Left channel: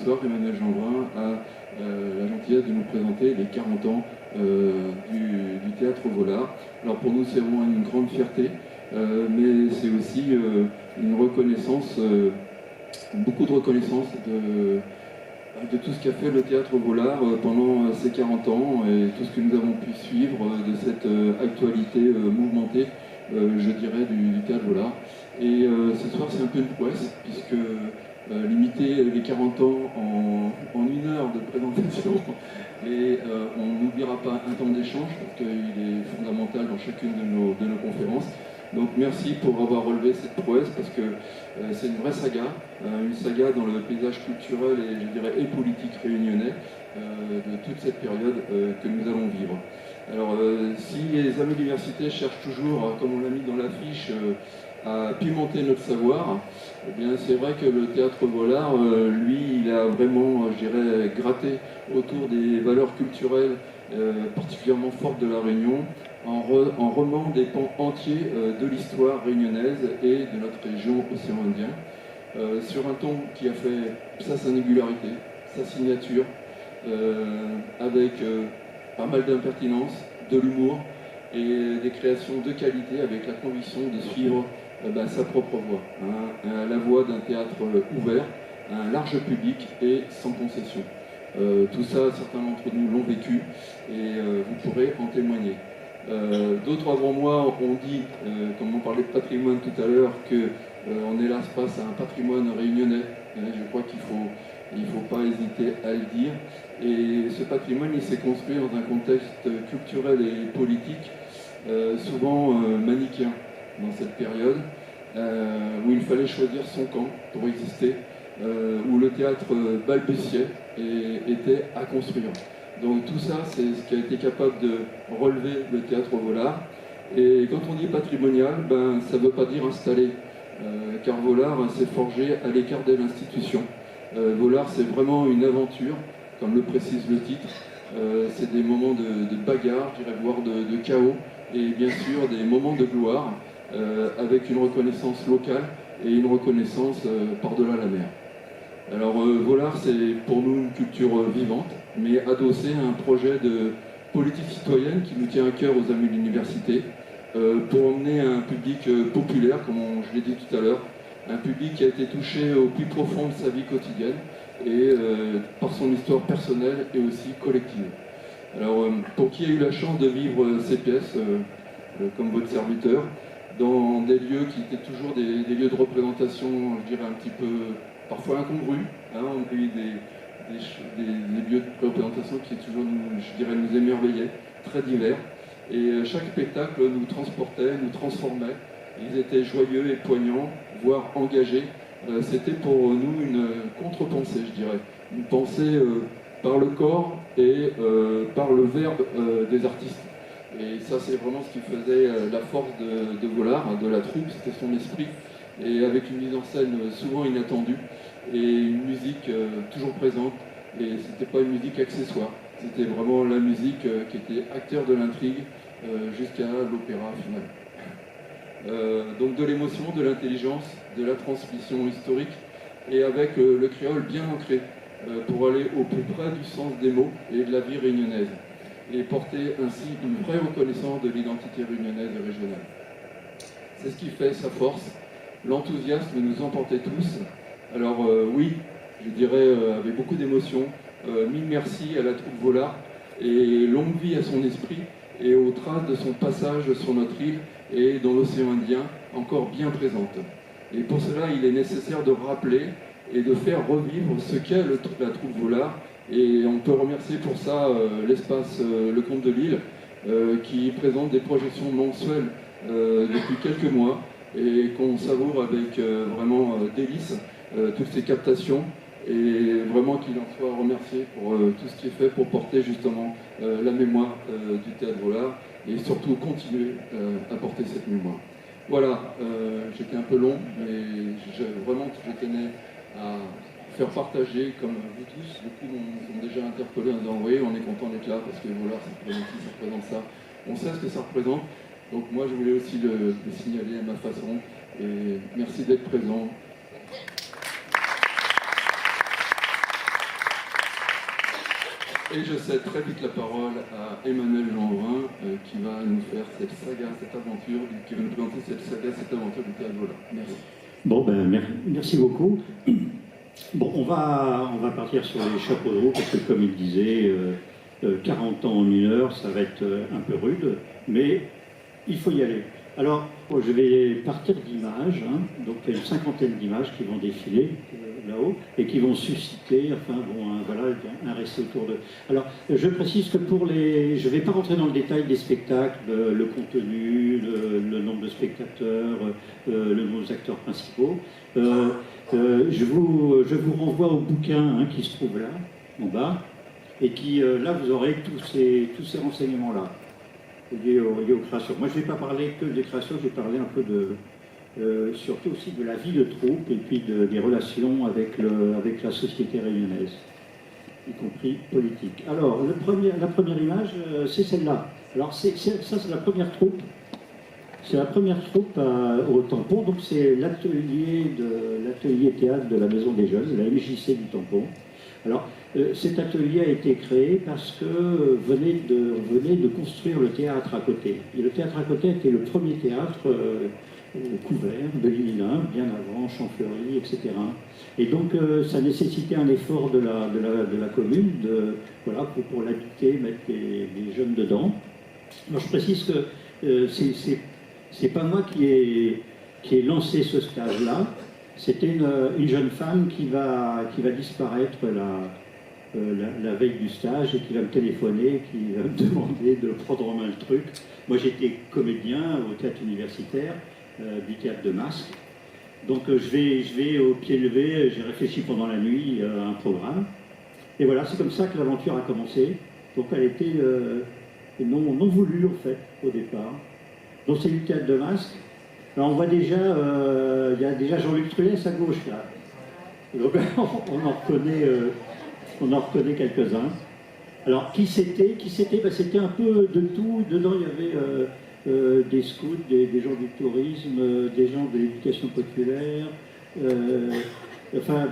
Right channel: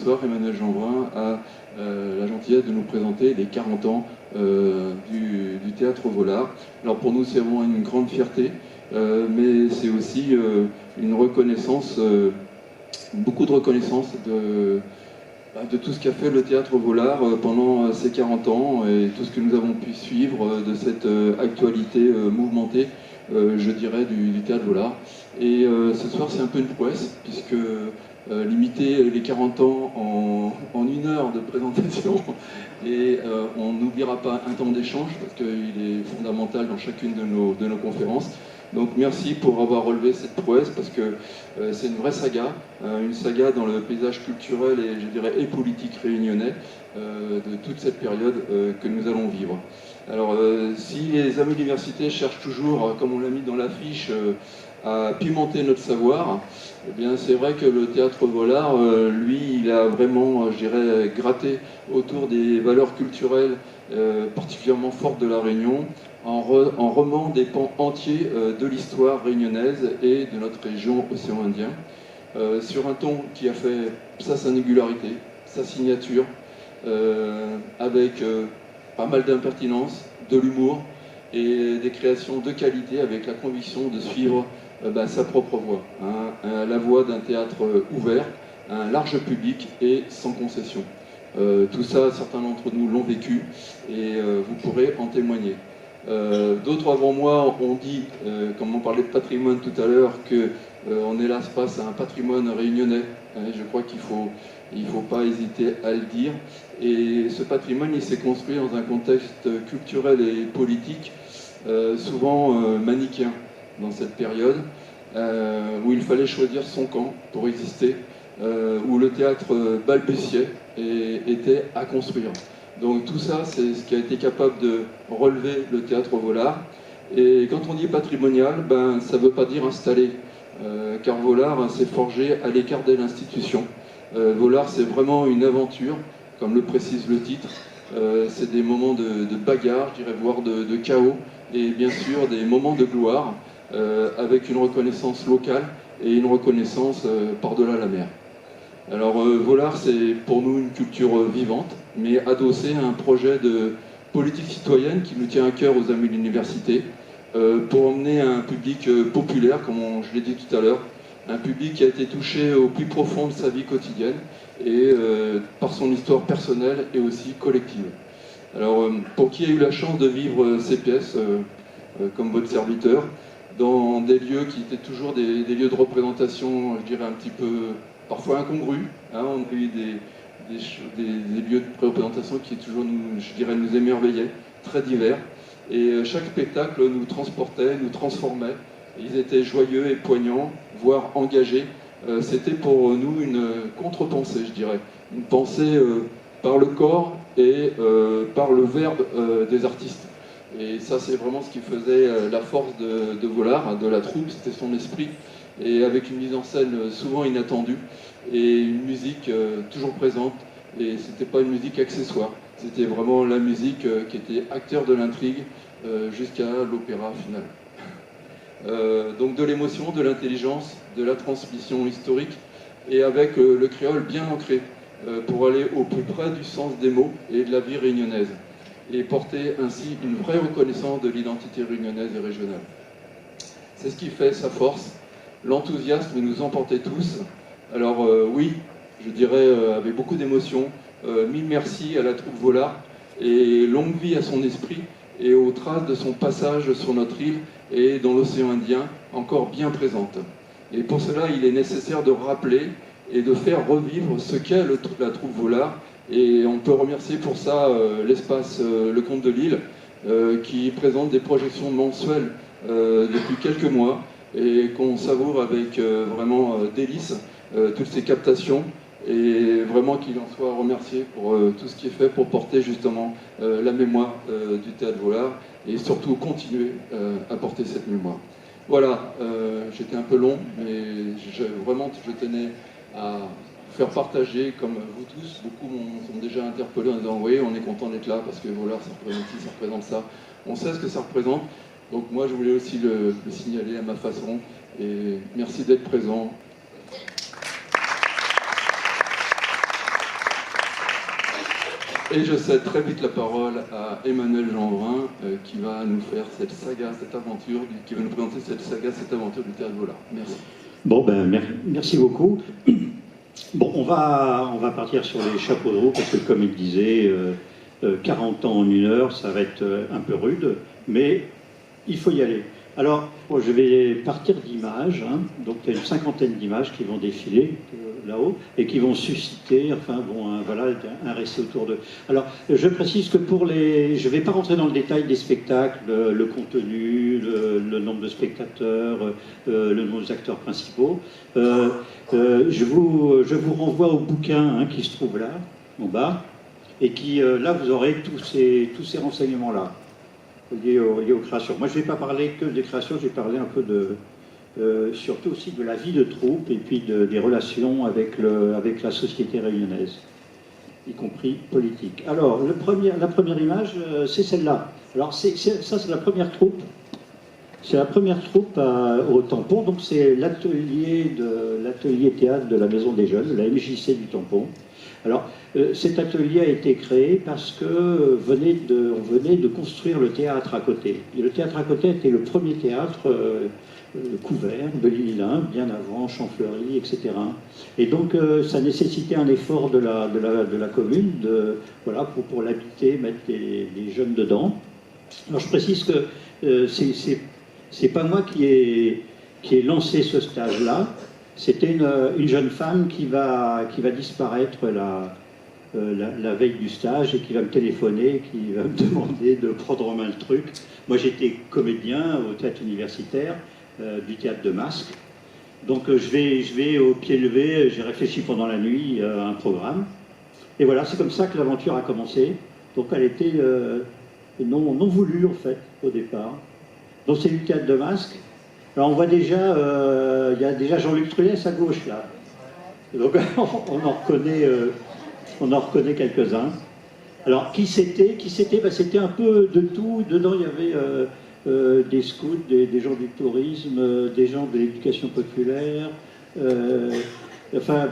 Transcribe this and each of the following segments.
soir, Emmanuel Jeanbrun a la gentillesse de nous présenter les 40 ans du Théâtre Vollard. Alors pour nous, c'est vraiment une grande fierté, mais c'est aussi une reconnaissance, beaucoup de reconnaissance de tout ce qu'a fait le Théâtre Vollard pendant ces 40 ans et tout ce que nous avons pu suivre de cette actualité mouvementée, je dirais, du Théâtre Vollard. Et ce soir, c'est un peu une prouesse, puisque limiter les 40 ans en 1 heure de présentation, et on n'oubliera pas un temps d'échange, parce qu'il est fondamental dans chacune de nos conférences. Donc merci pour avoir relevé cette prouesse, parce que c'est une vraie saga dans le paysage culturel et, je dirais, et politique réunionnais de toute cette période que nous allons vivre. Alors si les amis de l'université cherchent toujours, comme on l'a mis dans l'affiche, à pimenter notre savoir, eh bien c'est vrai que le Théâtre Vollard, lui, il a vraiment, je dirais, gratté autour des valeurs culturelles particulièrement fortes de la Réunion, en remant des pans entiers de l'histoire réunionnaise et de notre région océan Indien, sur un ton qui a fait sa singularité, sa signature, avec pas mal d'impertinence, de l'humour et des créations de qualité, avec la conviction de suivre sa propre voie, la voie d'un théâtre ouvert, un large public et sans concession. Tout ça, certains d'entre nous l'ont vécu et vous pourrez en témoigner. D'autres avant moi ont dit, comme on parlait de patrimoine tout à l'heure, qu'on est là face à un patrimoine réunionnais. Je crois qu'il ne faut pas hésiter à le dire. Et ce patrimoine, il s'est construit dans un contexte culturel et politique souvent manichéen dans cette période, où il fallait choisir son camp pour exister, où le théâtre balbutiait et était à construire. Donc tout ça, c'est ce qui a été capable de relever le Théâtre Vollard. Et quand on dit patrimonial, ça ne veut pas dire installé, car Vollard s'est forgé à l'écart de l'institution. Vollard, c'est vraiment une aventure, comme le précise le titre. C'est des moments de bagarre, je dirais, voire de chaos, et bien sûr des moments de gloire, avec une reconnaissance locale et une reconnaissance par-delà la mer. Alors Vollard, c'est pour nous une culture vivante, mais adossée à un projet de politique citoyenne qui nous tient à cœur aux amis de l'université, pour emmener un public populaire, comme je l'ai dit tout à l'heure, un public qui a été touché au plus profond de sa vie quotidienne et par son histoire personnelle et aussi collective. Alors pour qui a eu la chance de vivre ces pièces, comme votre serviteur, dans des lieux qui étaient toujours des lieux de représentation, je dirais un petit peu parfois incongrus, on a eu des lieux de représentation qui toujours nous émerveillaient, très divers, et chaque spectacle nous transportait, nous transformait. Ils étaient joyeux et poignants, voire engagés. C'était pour nous une contre-pensée, je dirais, une pensée par le corps et par le verbe des artistes. Et ça, c'est vraiment ce qui faisait la force de Vollard, de la troupe, c'était son esprit, et avec une mise en scène souvent inattendue, et une musique toujours présente, et c'était pas une musique accessoire, c'était vraiment la musique qui était acteur de l'intrigue jusqu'à l'opéra final. Donc de l'émotion, de l'intelligence, de la transmission historique, et avec le créole bien ancré, pour aller au plus près du sens des mots et de la vie réunionnaise, et porter ainsi une vraie reconnaissance de l'identité réunionnaise et régionale. C'est ce qui fait sa force, l'enthousiasme nous emportait tous. Alors oui, je dirais avec beaucoup d'émotion, mille merci à la troupe Vollard, et longue vie à son esprit, et aux traces de son passage sur notre île et dans l'océan Indien, encore bien présente. Et pour cela, il est nécessaire de rappeler et de faire revivre ce qu'est la troupe Vollard. Et on peut remercier pour ça l'espace Le Comte de Lille, qui présente des projections mensuelles depuis quelques mois, et qu'on savoure avec vraiment délice toutes ces captations, et vraiment qu'il en soit remercié pour tout ce qui est fait pour porter justement la mémoire du Théâtre Vollard, et surtout continuer à porter cette mémoire. Voilà, j'étais un peu long, mais vraiment je tenais à faire partager, comme vous tous, beaucoup m'ont déjà interpellé en disant « oui, on est content d'être là, parce que Vollard, ça représente ci, ça représente ça ». On sait ce que ça représente, donc moi je voulais aussi le signaler à ma façon, et merci d'être présent. Et je cède très vite la parole à Emmanuel Jeanbrun, qui va nous faire cette saga, cette aventure, qui va nous présenter cette saga, cette aventure du Théâtre Vollard. Merci. Bon, merci beaucoup. Bon, on va partir sur les chapeaux de roue, parce que comme il disait, 40 ans en 1 heure, ça va être un peu rude, mais il faut y aller. Alors, je vais partir d'images, hein. Donc il y a une 50aine d'images qui vont défiler là-haut et qui vont susciter, voilà, un récit autour d'eux. Alors, je précise que je ne vais pas rentrer dans le détail des spectacles, le contenu, le nombre de spectateurs, le nombre d'acteurs principaux. Je vous renvoie au bouquin, hein, qui se trouve là, en bas, et qui, là, vous aurez tous ces renseignements-là liés aux créations. Moi, je ne vais pas parler que des créations, je vais parler un peu surtout aussi de la vie de troupe et puis des relations avec la société réunionnaise, y compris politique. Alors, la première image, c'est celle-là. Alors, ça, c'est la première troupe. C'est la première troupe au Tampon, donc c'est l'atelier théâtre de la Maison des Jeunes, la MJC du Tampon. Alors, cet atelier a été créé parce que on venait de construire le théâtre à côté. Et le théâtre à côté était le premier théâtre couvert de l'île-Lin, bien avant Champfleury, etc. Et donc, ça nécessitait un effort de la commune, voilà, pour l'habiter, mettre les jeunes dedans. Alors, je précise que c'est pas moi qui ai lancé ce stage-là. C'était une jeune femme qui va disparaître la veille du stage et qui va me téléphoner, qui va me demander de prendre en main le truc. Moi, j'étais comédien au théâtre universitaire du théâtre de Masque. Donc, je vais au pied levé, j'ai réfléchi pendant la nuit à un programme. Et voilà, c'est comme ça que l'aventure a commencé. Donc, elle était non voulue, en fait, au départ. Donc, c'est du théâtre de Masque. Alors on voit déjà, il y a déjà Jean-Luc Trulès à gauche là. Donc on en reconnaît quelques-uns. Alors qui c'était c'était un peu de tout. Dedans il y avait des scouts, des gens du tourisme, des gens de l'éducation populaire. Enfin,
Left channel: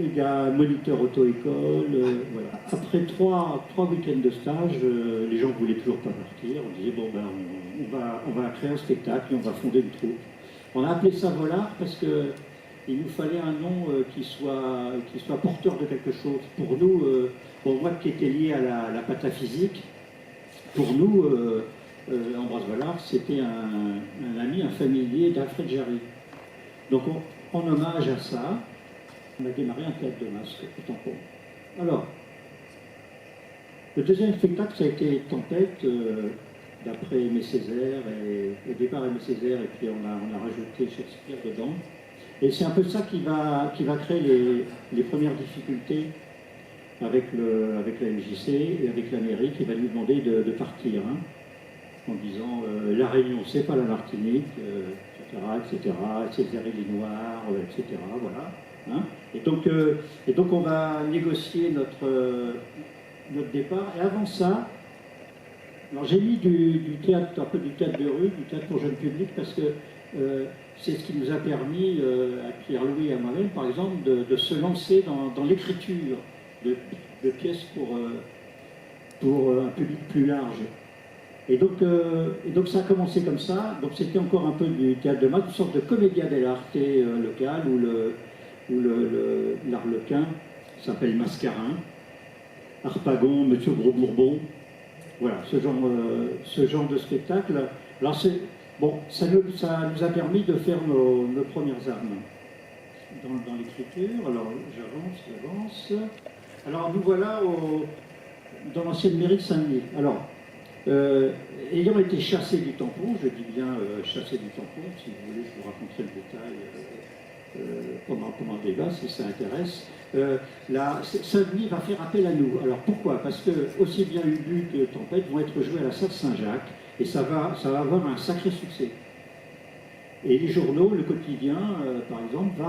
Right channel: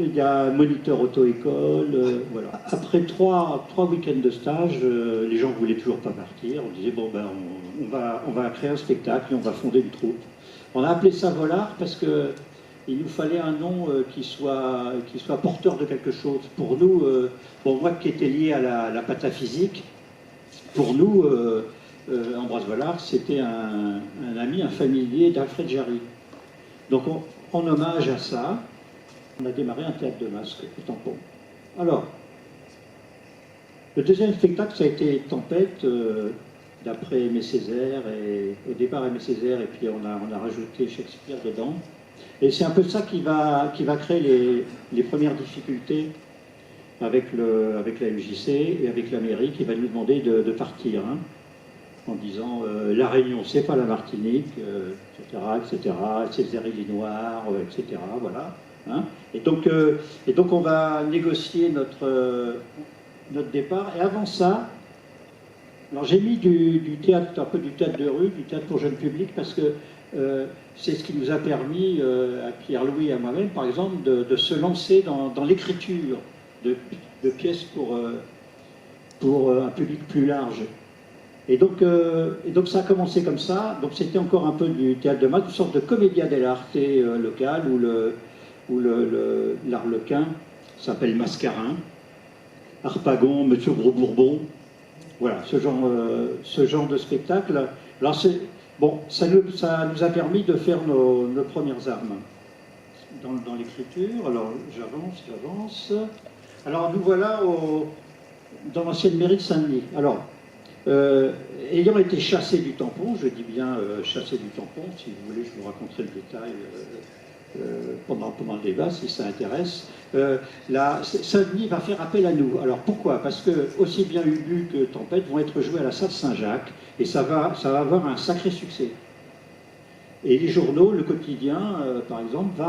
il y a un moniteur auto-école. Voilà. Après trois week-ends de stage, les gens ne voulaient toujours pas partir. On disait bon ben on va créer un spectacle et on va fonder une troupe. On a appelé ça Vollard parce qu'il nous fallait un nom qui soit porteur de quelque chose. Pour nous, moi qui étais lié à la pataphysique, pour nous, Ambroise Vollard, c'était un ami, un familier d'Alfred Jarry. Donc en hommage à ça, on a démarré un théâtre de Masque au Tampon. Alors, le deuxième spectacle, ça a été Tempête, d'après Aimé Césaire, et au départ Aimé Césaire, et puis on a rajouté Shakespeare dedans. Et c'est un peu ça qui va créer les premières difficultés avec la MJC et avec la mairie, qui va nous demander de partir, hein, en disant la Réunion, c'est pas la Martinique, etc., c'est les îles Noires, etc., voilà. Hein. Et donc on va négocier notre départ. Et avant ça, alors j'ai mis du théâtre, un peu du théâtre de rue, du théâtre pour jeune public, parce que c'est ce qui nous a permis, à Pierre-Louis et à moi-même, par exemple, de se lancer dans l'écriture de pièces pour un public plus large. Et donc ça a commencé comme ça. Donc c'était encore un peu du théâtre de masse, une sorte de commedia dell'arte local, où l'arlequin s'appelle Mascarin, Harpagon, Monsieur Gros Bourbon. Voilà, ce genre de spectacle. Alors ça nous a permis de faire nos premières armes dans l'écriture. Alors j'avance. Alors nous voilà dans l'ancienne mairie de Saint-Denis. Alors, ayant été chassé du tampon, je dis bien chassé du tampon, si vous voulez, je vous raconterai le détail pendant le débat, si ça intéresse. Saint-Denis va faire appel à nous. Alors pourquoi? Parce que aussi bien Ubu que Tempête vont être joués à la salle Saint-Jacques, et ça va avoir un sacré succès. Et les journaux, le quotidien, par exemple,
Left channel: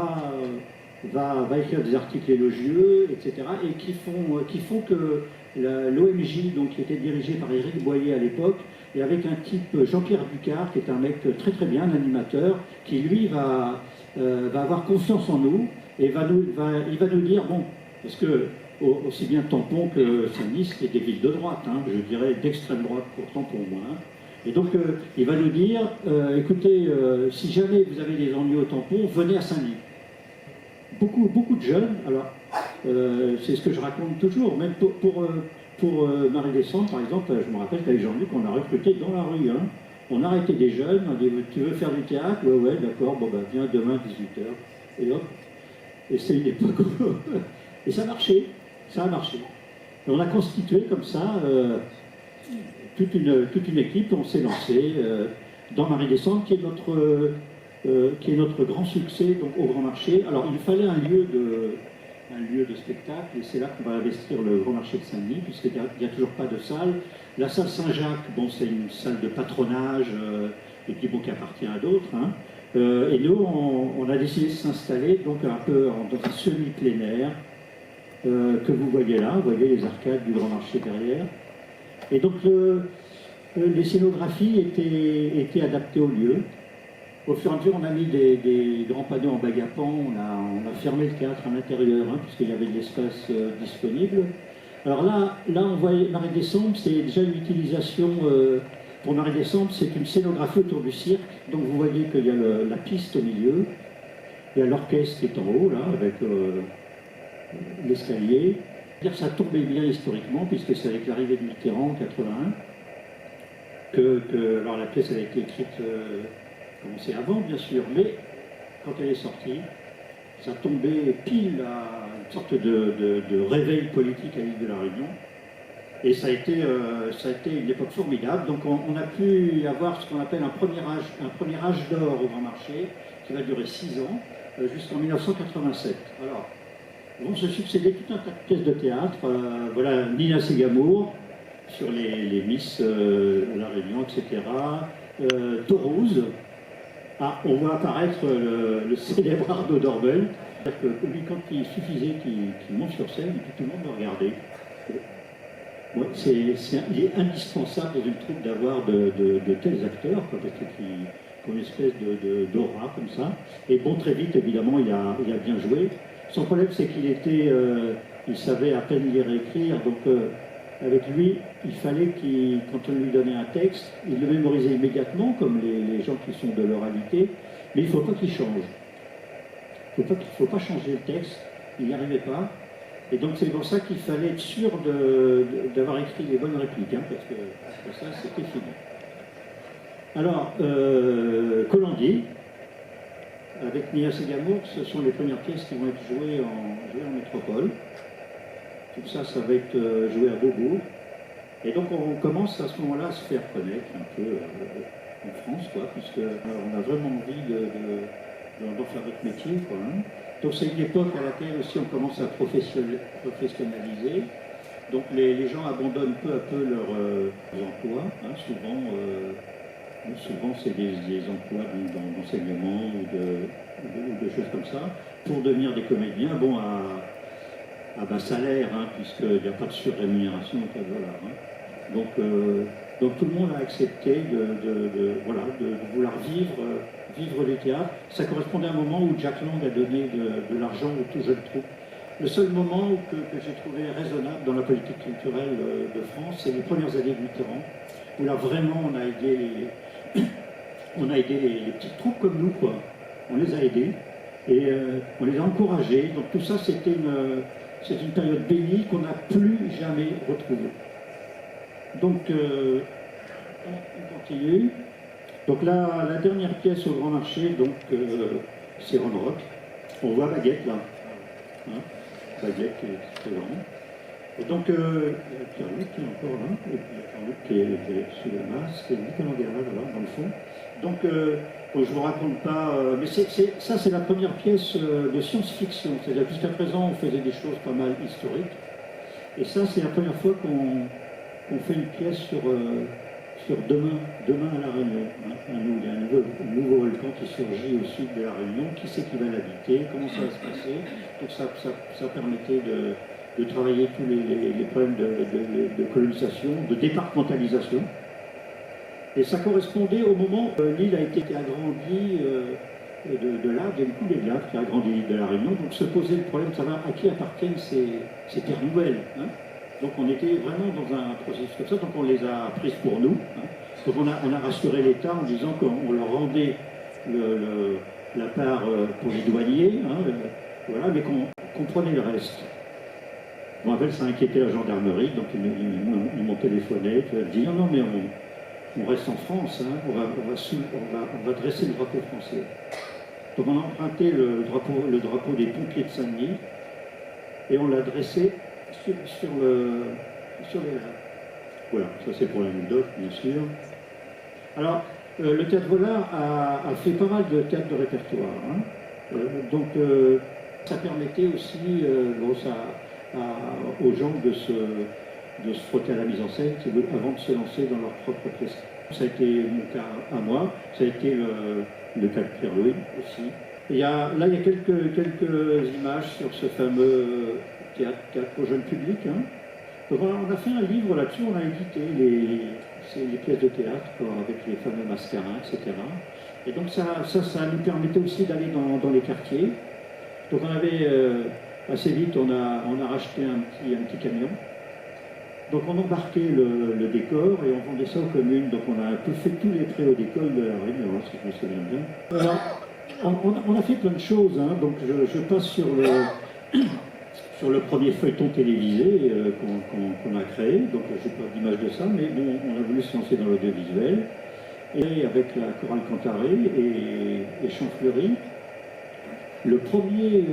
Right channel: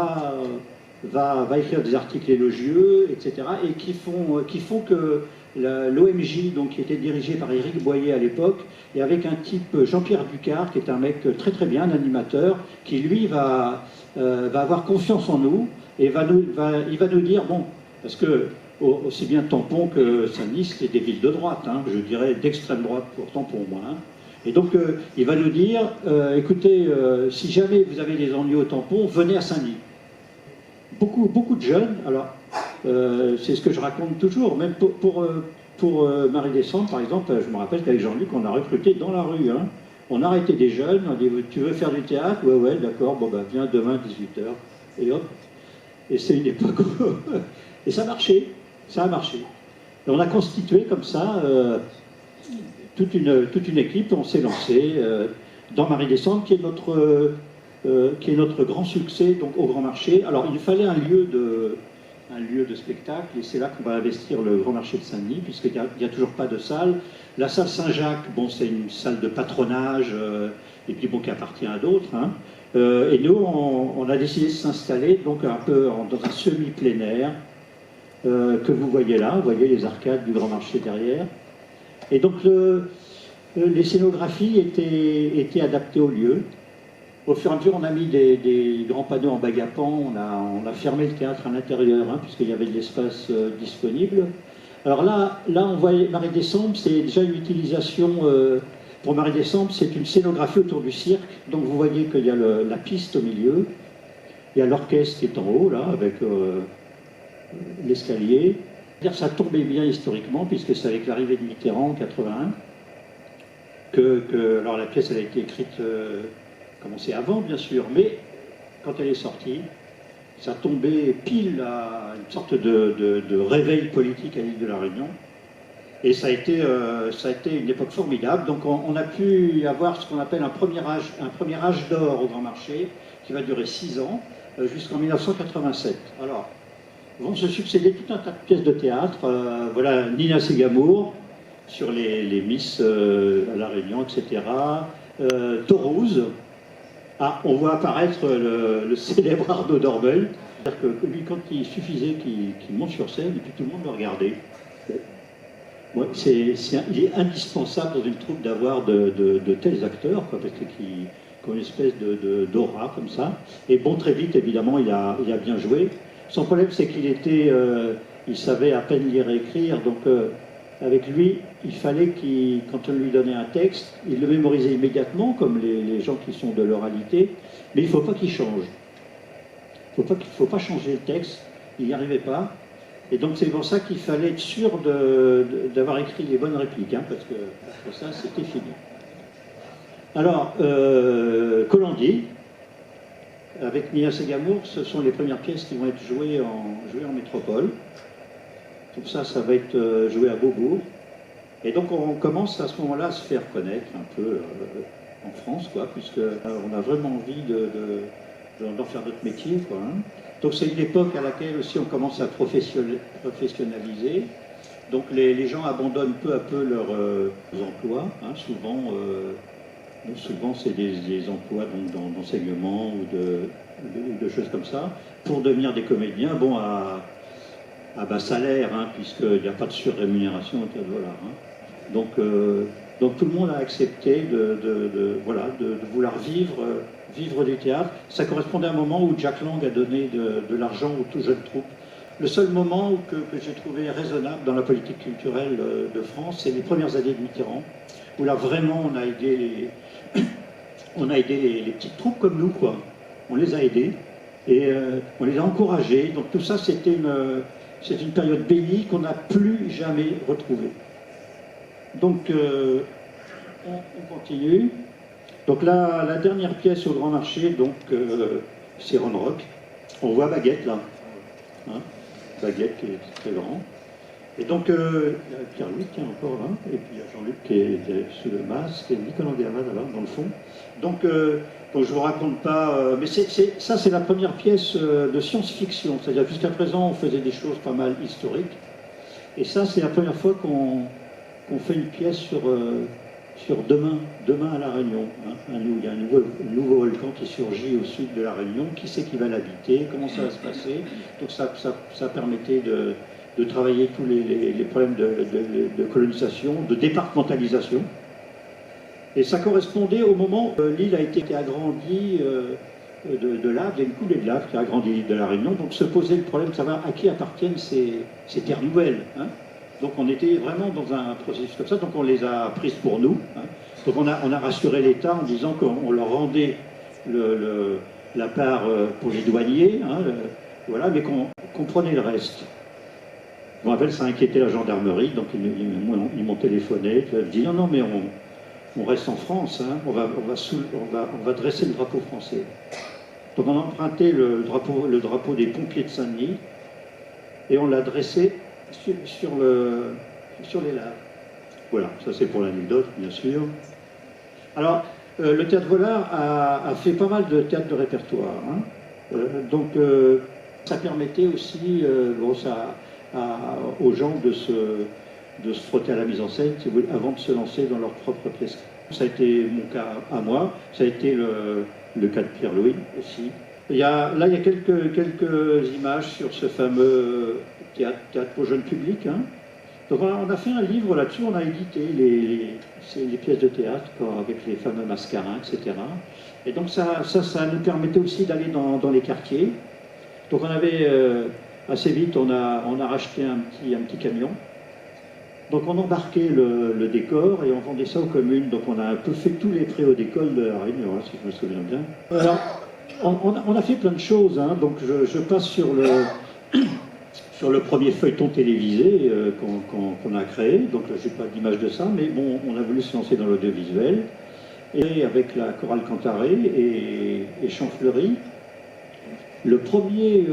va écrire des articles élogieux, etc., et qui font que l'OMJ, donc, qui était dirigé par Éric Boyer à l'époque, et avec un type, Jean-Pierre Ducard, qui est un mec très très bien, un animateur, qui lui va avoir confiance en nous, et il va nous dire, bon, parce que aussi bien Tampon que Saint-Denis, c'était des villes de droite, hein, je dirais d'extrême droite pour Tampon, moi. Hein. Et donc, il va nous dire, écoutez, si jamais vous avez des ennuis au Tampon, venez à Saint-Denis. Beaucoup de jeunes, alors, c'est ce que je raconte toujours, même pour Marie Descente, par exemple, je me rappelle qu'avec Jean-Luc, on a recruté dans la rue. Hein. On a arrêté des jeunes, on a dit, tu veux faire du théâtre? Ouais, d'accord, bon, bah, viens demain, 18h. Et hop. Et c'est une époque où... Et ça marchait, ça a marché. Et on a constitué comme ça toute une équipe, on s'est lancé dans Marie Descente, qui est notre grand succès donc, au Grand Marché. Alors, il fallait un lieu de spectacle, et c'est là qu'on va investir le Grand Marché de Saint-Denis, puisqu'il n'y a toujours pas de salle. La salle Saint-Jacques, bon, c'est une salle de patronage, et puis bon, qui appartient à d'autres. Hein. Et nous, on a décidé de s'installer donc un peu dans un semi-plein air, que vous voyez là. Vous voyez les arcades du Grand Marché derrière. Et donc, les scénographies étaient adaptées au lieu. Au fur et à mesure, on a mis des grands panneaux en bague à pan, on a fermé le théâtre à l'intérieur, hein, puisqu'il y avait de l'espace disponible. Alors là, on voit Marie Décembre, c'est déjà une utilisation, pour Marie Décembre, c'est une scénographie autour du cirque. Donc vous voyez qu'il y a la piste au milieu, il y a l'orchestre qui est en haut, là, avec l'escalier. Ça tombait bien historiquement, puisque c'est avec l'arrivée de Mitterrand en 81, alors la pièce elle a été écrite... commencé avant, bien sûr, mais quand elle est sortie, ça tombait pile à une sorte de réveil politique à l'île de la Réunion. Et ça a été une époque formidable. Donc on a pu avoir ce qu'on appelle un premier âge d'or au Grand Marché, qui va durer 6 ans, jusqu'en 1987. Alors, vont se succéder tout un tas de pièces de théâtre. Voilà, Nina Segamour, sur les Miss à la Réunion, etc. Toulouse. Ah, on voit apparaître le célèbre Arnaud Dorbel. C'est-à-dire que lui, quand il suffisait qu'il monte sur scène, et puis tout le monde le regardait. Bon, il est indispensable dans une troupe d'avoir de tels acteurs, quoi, parce qu'ils ont une espèce d'aura comme ça. Et bon, très vite, évidemment, il a bien joué. Son problème, c'est il savait à peine lire et écrire, donc... avec lui, il fallait quand on lui donnait un texte, il le mémorisait immédiatement, comme les gens qui sont de l'oralité, mais il ne faut pas qu'il change. Il ne faut pas changer le texte, il n'y arrivait pas. Et donc c'est pour ça qu'il fallait être sûr d'avoir écrit les bonnes répliques, hein, parce que après ça, c'était fini. Alors, Colandi, avec Nia Segamour, ce sont les premières pièces qui vont être jouées en métropole. Donc ça va être joué à Beaubourg. Et donc on commence à ce moment-là à se faire connaître un peu en France, quoi, puisqu'on a vraiment envie d'en faire notre métier, quoi. Hein. Donc c'est une époque à laquelle aussi on commence à professionnaliser. Donc les gens abandonnent peu à peu leurs emplois. Hein. Souvent c'est des emplois donc, dans l'enseignement ou de choses comme ça, pour devenir des comédiens. Bon, à bas salaire, hein, puisqu'il n'y a pas de surrémunération au $. Hein. Donc tout le monde a accepté de vouloir vivre du théâtre. Ça correspondait à un moment où Jack Lang a donné de l'argent aux tout jeunes troupes. Le seul moment que j'ai trouvé raisonnable dans la politique culturelle de France, c'est les premières années de Mitterrand, où là vraiment on a aidé les petites troupes comme nous, quoi. On les a aidés et on les a encouragés. Donc tout ça, c'est une période bénie qu'on n'a plus jamais retrouvée. Donc, on continue. Donc, la dernière pièce au Grand Marché, donc, c'est Ron Rock. On voit Baguette, là. Hein, Baguette qui est très grand. Et donc, il y a Pierre-Louis qui est encore là. Et puis, il y a Jean-Luc qui est sous le masque. Et Nicolas Guerra, là, dans le fond. Donc, je ne vous raconte pas... mais ça, c'est la première pièce de science-fiction. C'est-à-dire, jusqu'à présent, on faisait des choses pas mal historiques. Et ça, c'est la première fois qu'on fait une pièce sur demain à La Réunion. Hein. Il y a un nouveau volcan qui surgit au sud de La Réunion. Qui c'est qui va l'habiter? Comment ça va se passer? Donc, ça permettait de travailler tous les problèmes de colonisation, de départementalisation. Et ça correspondait au moment où l'île a été agrandie de lave, il y a une coulée de lave qui a agrandi l'île de la Réunion, donc se posait le problème de savoir à qui appartiennent ces terres nouvelles. Hein. Donc on était vraiment dans un processus comme ça, donc on les a prises pour nous. Hein. Donc on a rassuré l'État en disant qu'on leur rendait la part pour les douaniers, hein, voilà, mais qu'on prenait le reste. Je me rappelle, ça inquiétait la gendarmerie, donc ils m'ont téléphoné, ils dit non, mais on reste en France, hein, on va dresser le drapeau français. Donc on a emprunté le drapeau des pompiers de Saint-Denis et on l'a dressé sur les laves. Voilà, ça c'est pour l'anecdote, bien sûr. Alors, le Théâtre Vollard a fait pas mal de théâtre de répertoire. Hein. Donc, ça permettait aussi aux gens de se frotter à la mise en scène, si vous voulez, avant de se lancer dans leur propre pièce. Ça a été mon cas à moi, ça a été le cas de Pierre-Louis aussi. Il y a quelques images sur ce fameux théâtre au jeune public. Hein. Donc on a fait un livre là-dessus, on a édité les pièces de théâtre avec les fameux mascarins, etc. Et donc ça nous permettait aussi d'aller dans les quartiers. Donc on avait, assez vite, on a racheté un petit camion. Donc on embarquait le décor et on vendait ça aux communes. Donc on a un peu fait tous les préaux d'école de la Réunion, hein, si je me souviens bien. Alors, on a fait plein de choses, hein. Donc je passe sur le premier feuilleton télévisé qu'on a créé. Donc je n'ai pas d'image de ça, mais bon, on a voulu se lancer dans l'audiovisuel. Et avec la chorale Cantaré et Champfleury, le premier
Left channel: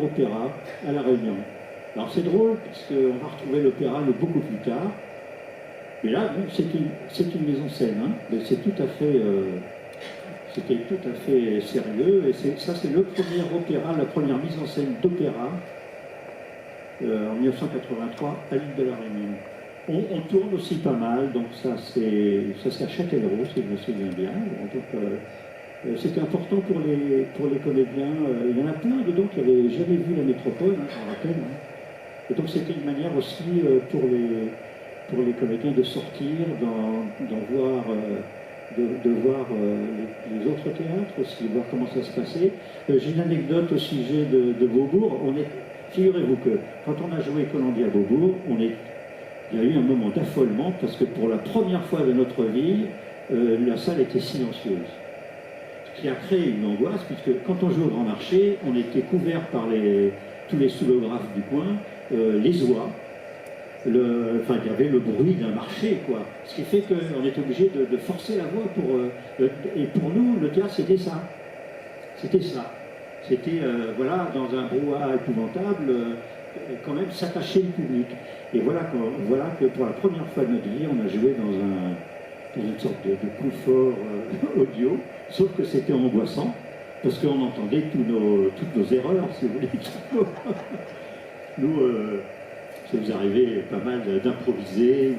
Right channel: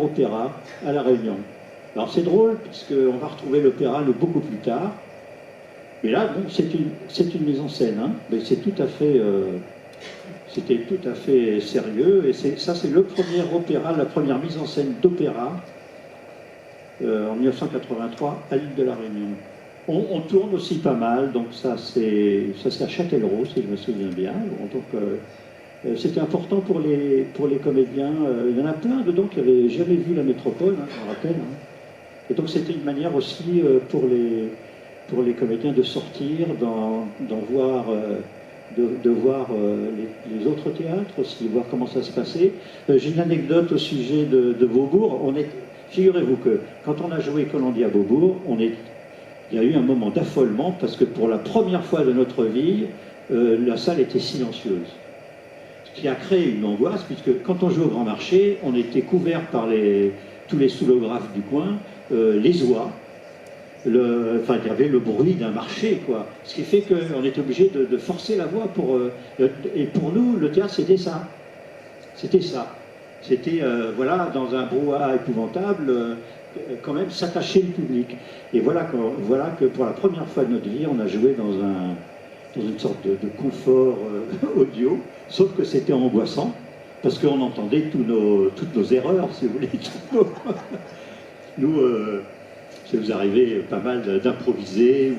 opéra à La Réunion. Alors c'est drôle, puisqu'on va retrouver l'opéra beaucoup plus tard. Mais là, bon, c'est une mise en scène, hein, mais c'est tout à fait... c'était tout à fait sérieux, et ça c'est le premier opéra, la première mise en scène d'opéra en 1983 à l'île de la Réunion. On tourne aussi pas mal, donc ça c'est à Châtellerault, si je me souviens bien. Donc c'était important pour les comédiens. Il y en a plein dedans qui n'avaient jamais vu la métropole, hein, je me rappelle. Hein. Et donc c'était une manière aussi pour les comédiens de sortir, d'en voir... De voir les autres théâtres aussi, voir comment ça se passait. J'ai une anecdote au sujet de Beaubourg. Figurez-vous que quand on a joué Colombier à Beaubourg, il y a eu un moment d'affolement parce que pour la première fois de notre vie, la salle était silencieuse. Ce qui a créé une angoisse, puisque quand on joue au Grand Marché, on était couvert par tous les soulographes du coin, les oies. Il y avait le bruit d'un marché, quoi. Ce qui fait qu'on était obligé de forcer la voix et pour nous, le théâtre, c'était ça. C'était ça. C'était, voilà, dans un brouhaha épouvantable, quand même s'attacher le public. Et voilà que pour la première fois de notre vie, on a joué dans une sorte de confort audio, sauf que c'était angoissant, parce qu'on entendait toutes nos erreurs, si vous voulez. Nous... ça vous arrivait pas mal d'improviser,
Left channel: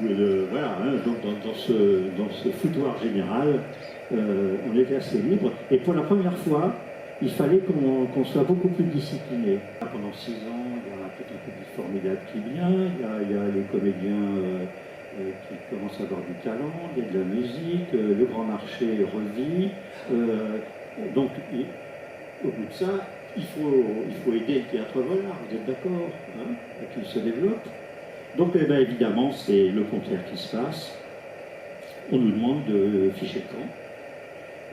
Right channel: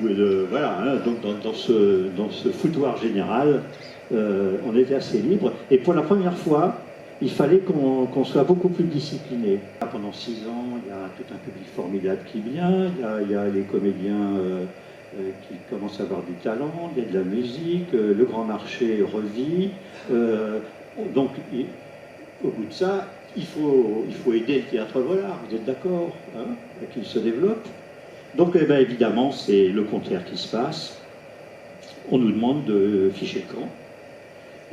voilà, hein, donc dans ce foutoir général, on était assez libre. Et pour la première fois, il fallait qu'on soit beaucoup plus discipliné. Pendant 6 ans, il y a tout un public formidable qui vient, il y a les comédiens qui commencent à avoir du talent, il y a de la musique, le Grand Marché revit. Donc, au bout de ça, il faut aider le Théâtre Vollard, vous êtes d'accord, hein, qu'il se développe. Donc évidemment, c'est le contraire qui se passe. On nous demande de ficher le camp.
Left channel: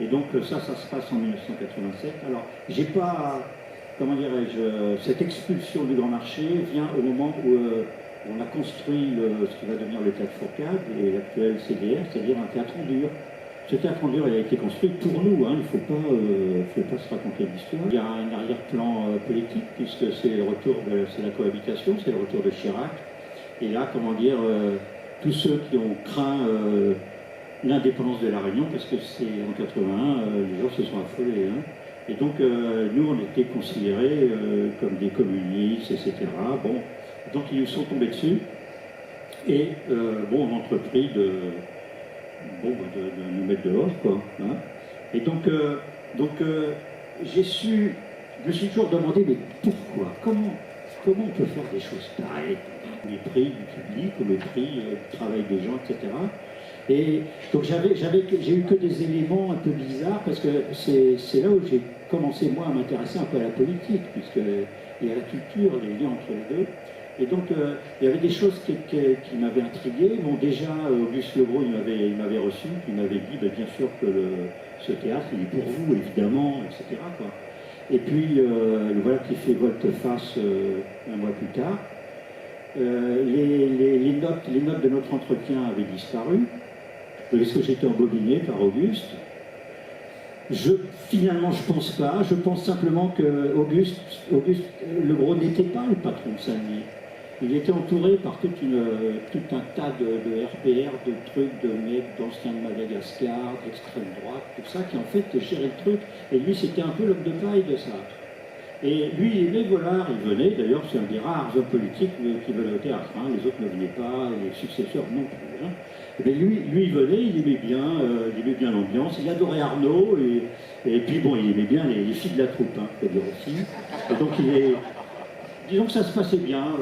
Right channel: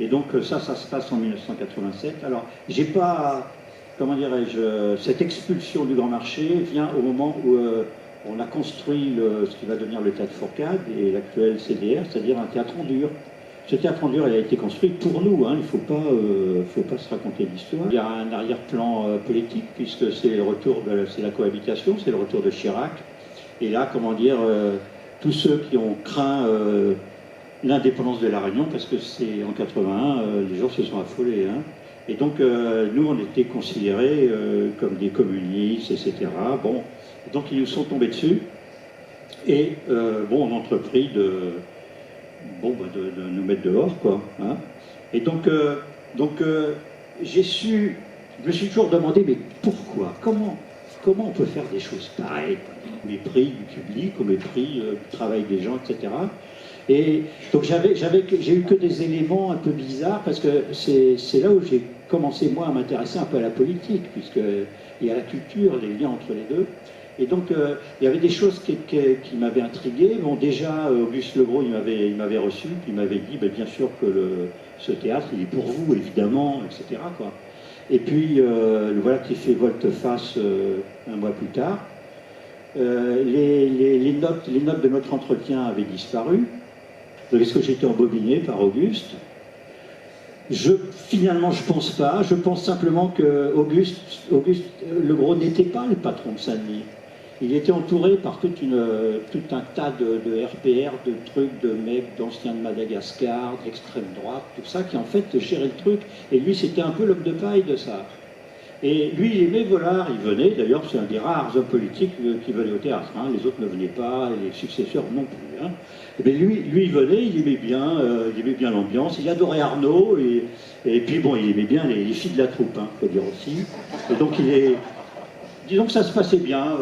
Et donc ça se passe en 1987. Alors, j'ai pas, comment dirais-je, cette expulsion du Grand Marché vient au moment où on a construit ce qui va devenir le Théâtre Fourcade et l'actuel CDR, c'est-à-dire un théâtre en dur. Ce théâtre en dur, il a été construit pour nous, hein, il ne faut pas se raconter d'histoire. Il y a un arrière-plan politique, puisque c'est la cohabitation, c'est le retour de Chirac. Et là, comment dire, tous ceux qui ont craint l'indépendance de la Réunion, parce que c'est en 81, les gens se sont affolés. Hein. Et donc, nous, on était considérés comme des communistes, etc. Bon, donc ils nous sont tombés dessus. Et on a entrepris de nous mettre dehors, quoi. Hein. Et donc, je me suis toujours demandé, mais pourquoi, comment on peut faire des choses pareilles, quoi, au mépris du public, au mépris du travail des gens, etc. Et donc j'ai eu que des éléments un peu bizarres, parce que c'est là où j'ai commencé, moi, à m'intéresser un peu à la politique, et à la culture, les liens entre les deux. Et donc, il y avait des choses qui m'avaient intrigué. Bon, déjà, Auguste Legros, il m'avait reçu, puis il m'avait dit, bien sûr que ce théâtre, il est pour vous, évidemment, etc., quoi. Et puis, le voilà qui fait volte-face un mois plus tard. Les notes de notre entretien avaient disparu. Donc, est-ce que j'ai été embobiné par Auguste? Finalement, je pense pas. Je pense simplement que Auguste Legros n'était pas le patron de Saint-Denis. Il était entouré par tout un tas de RPR, de trucs, de mecs, d'anciens de Madagascar, d'extrême droite, tout ça, qui en fait gérait le truc. Et lui, c'était un peu l'homme de paille de ça. Et lui, il aimait Vollard, il venait, d'ailleurs, c'est un des rares hommes politiques qui venaient au théâtre. Hein. Les autres ne venaient pas, et les successeurs non plus. Hein. Mais lui, il venait, il aimait bien l'ambiance, il adorait Arnaud, et puis bon, il aimait bien les filles de la troupe, hein, faut dire aussi. Et donc disons que ça se passait bien.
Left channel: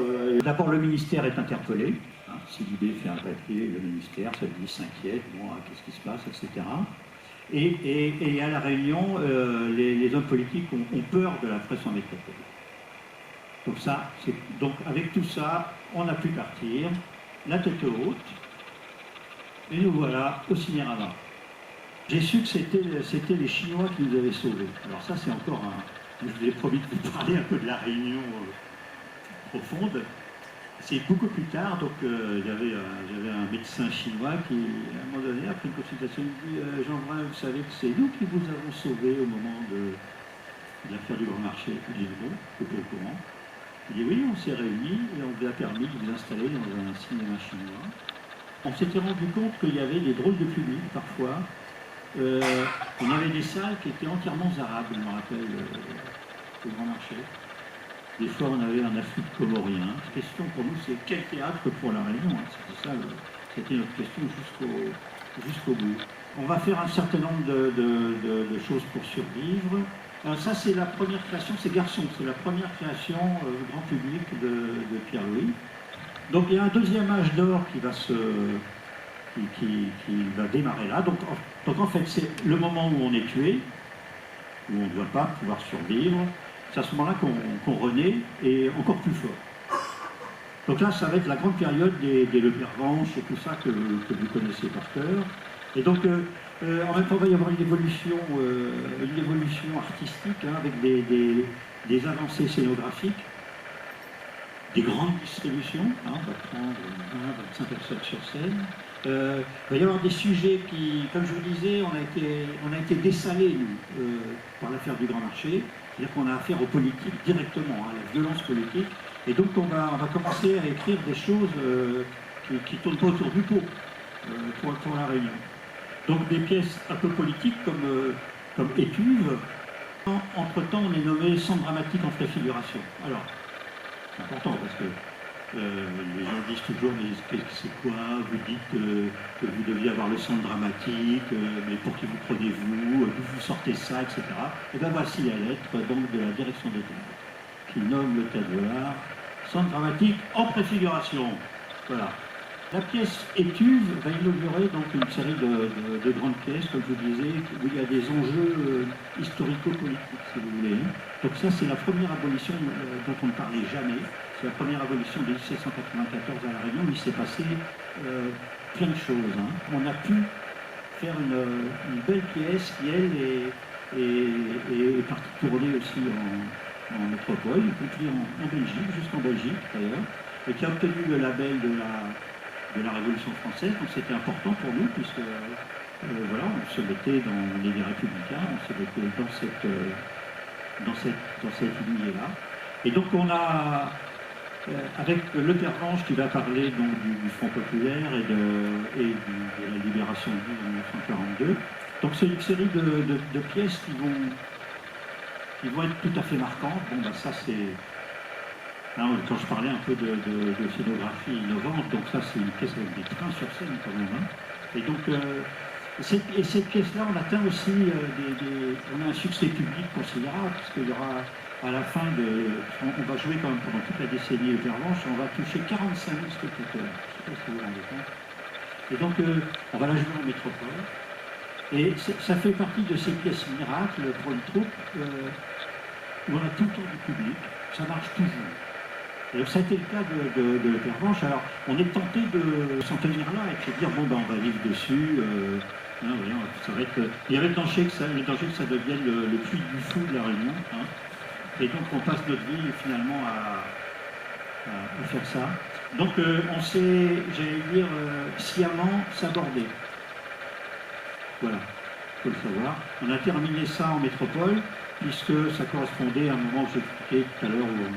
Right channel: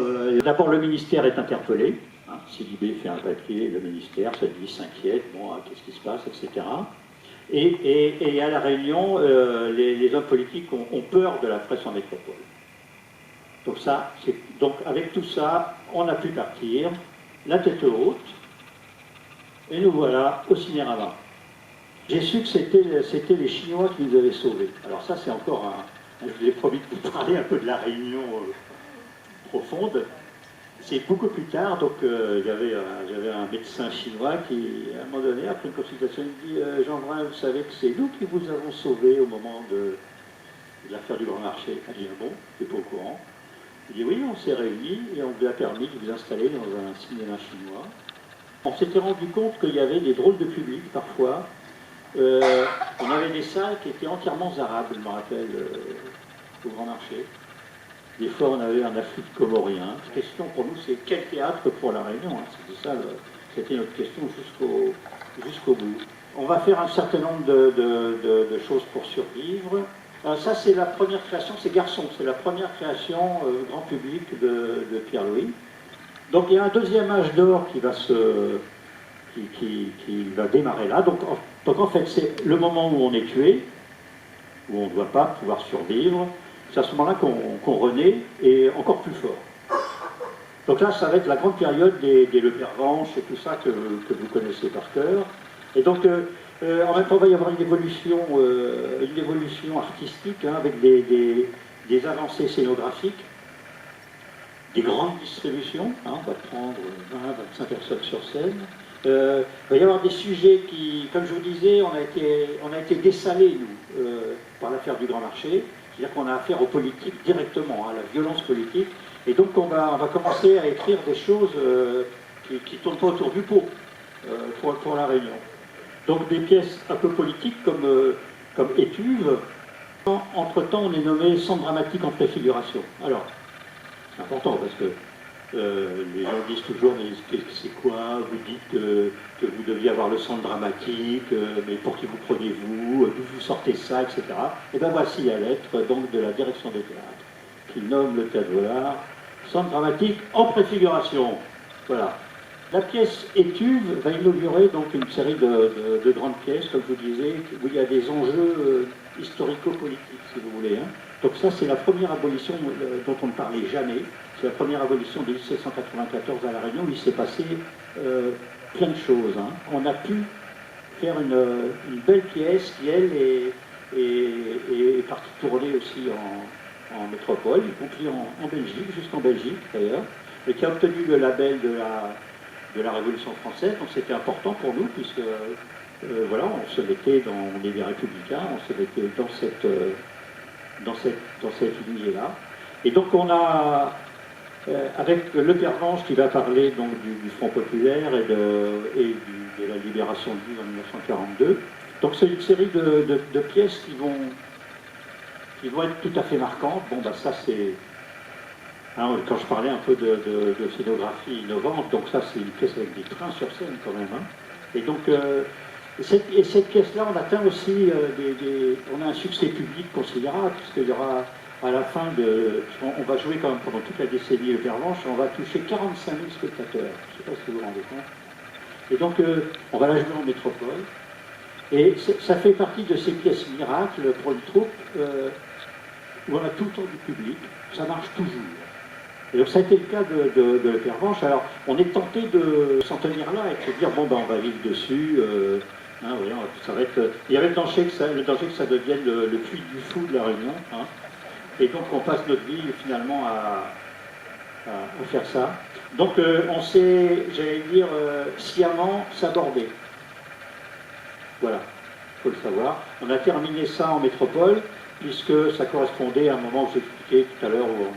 D'abord, le ministère est interpellé. Hein. Silibé fait un papier, le ministère, ça dit, s'inquiète, bon, qu'est-ce qui se passe, etc. Et à La Réunion, les hommes politiques ont peur de la presse en métropole. Donc avec tout ça, on a pu partir, la tête haute, et nous voilà au Ciné-Ravin. J'ai su que c'était les Chinois qui nous avaient sauvés. Alors ça, c'est encore je vous ai promis de vous parler un peu de La Réunion profonde. C'est beaucoup plus tard, donc j'avais un médecin chinois qui, à un moment donné, après une consultation, il me dit Jean Brun, vous savez que c'est nous qui vous avons sauvé au moment de l'affaire du Grand Marché. Je dis bon, je ne suis pas au courant. Il dit oui, on s'est réunis et on vous a permis de vous installer dans un cinéma chinois. On s'était rendu compte qu'il y avait des drôles de public parfois. On avait des salles qui étaient entièrement arabes, je me rappelle, au Grand Marché. Des fois, on avait un afflux de Comoriens. La question pour nous, c'est quel théâtre pour La Réunion, hein. C'était notre question jusqu'au bout. On va faire un certain nombre de choses pour survivre. Ça, c'est la première création, c'est Garçon, c'est la première création grand public de Pierre-Louis. Donc, il y a un deuxième âge d'or qui va démarrer là. Donc, en fait, c'est le moment où on est tué, où on ne doit pas pouvoir survivre. C'est à ce moment-là qu'on renaît, et encore plus fort. Donc là, ça va être la grande période des Le Pervenche et tout ça que vous connaissez par cœur. Et donc, en même temps, il va y avoir une évolution artistique, hein, avec des avancées scénographiques, des grandes distributions. Hein, on va prendre 20-25 personnes sur scène. Il va y avoir des sujets qui, comme je vous disais, on a été dessalés, nous, par l'affaire du Grand Marché. C'est-à-dire qu'on a affaire aux politiques directement, à la violence politique. Et donc on va commencer à écrire des choses qui ne tournent pas autour du pot pour La Réunion. Donc des pièces un peu politiques comme Étuve. Entre-temps, on est nommé Centre dramatique en préfiguration. Alors, c'est important parce que les gens disent toujours, mais c'est quoi? Vous dites que vous deviez avoir le centre dramatique, mais pour qui vous prenez-vous? D'où vous sortez ça, etc. Et bien voici la lettre donc, de la direction des théâtres, qui nomme le théâtre Vollard centre dramatique en préfiguration. Voilà. La pièce Étuve va inaugurer donc une série de grandes pièces, comme je vous disais, où il y a des enjeux historico-politiques, si vous voulez. Hein. Donc ça, c'est la première abolition dont on ne parlait jamais. C'est la première abolition de 1794 à La Réunion, où il s'est passé plein de choses. Hein. On a pu faire une belle pièce qui, elle, est partie tourner aussi en métropole, y compris en Belgique, jusqu'en Belgique d'ailleurs, et qui a obtenu le label de la Révolution française. Donc c'était important pour nous, puisque voilà, on se mettait on est des républicains, on se mettait dans cette lignée-là. Et donc on a, avec Le Pervenche qui va parler donc du Front populaire et de la libération de l'île en 1942. Donc c'est une série de pièces qui vont être tout à fait marquantes. Bon, bah ça c'est... Hein, quand je parlais un peu de scénographie innovante, donc ça c'est une pièce avec des trains sur scène quand même. Hein. Et donc, cette pièce-là, on atteint aussi on a un succès public considérable, puisqu'il y aura à la fin on va jouer quand même pendant toute la décennie Le Pervenche, on va toucher 45 000 spectateurs. Je ne sais pas si vous vous rendez compte. Et donc, on va la jouer en métropole. Et ça fait partie de ces pièces miracles pour une troupe où on a tout le temps du public, ça marche toujours. Et donc ça a été le cas de la Pervenche. Alors on est tenté de s'en tenir là et de se dire bon ben on va vivre dessus. Oui, ça va être, il y avait le danger que ça devienne le puits du fou de la Réunion. Hein. Et donc on passe notre vie finalement à faire ça. Donc on s'est, j'allais dire, sciemment s'aborder. Voilà, il faut le savoir. On a terminé ça en métropole, puisque ça correspondait à un moment où j'expliquais tout à l'heure où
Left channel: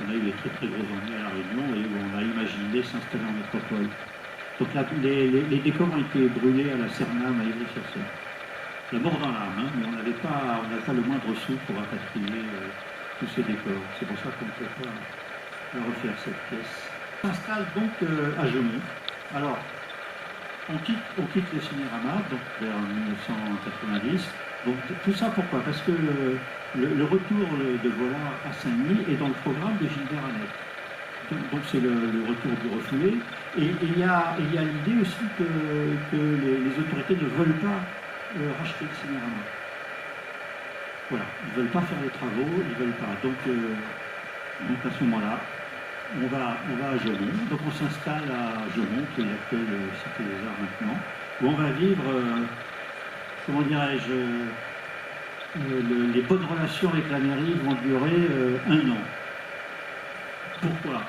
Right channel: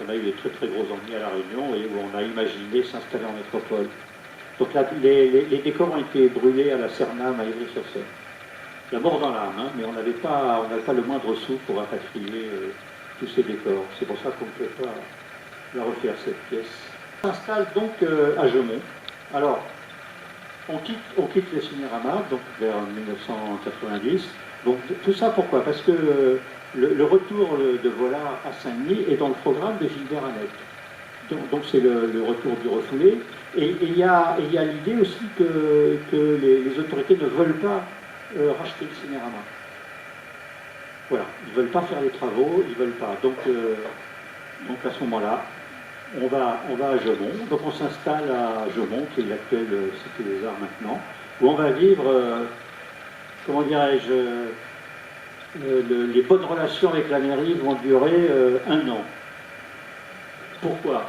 on a eu des très très gros ennuis à La Réunion et où on a imaginé s'installer en métropole. Donc là, les décors ont été brûlés à la Cernam, à Ivry-sur-Seine. La mort dans l'âme, hein, mais on n'avait pas le moindre sou pour rapatrier tous ces décors. C'est pour ça qu'on ne peut pas la refaire, cette pièce. On s'installe donc à Gemont. Alors, on quitte le Cinérama, donc vers 1990. Donc tout ça pourquoi? Parce que le retour de Vollard à Saint-Denis est dans le programme de Gilbert Annec. Donc c'est le retour du refoulé. Et il y a l'idée aussi que les autorités ne veulent pas racheter le Cinérama. Voilà, ils ne veulent pas faire les travaux, ils ne veulent pas. Donc à ce moment-là, on va à Gemont. Donc on s'installe à Gemont, qui est l'actuelle Cité des Arts maintenant, où on va vivre, comment dirais-je, les bonnes relations avec la mairie vont durer 1 an. Pourquoi?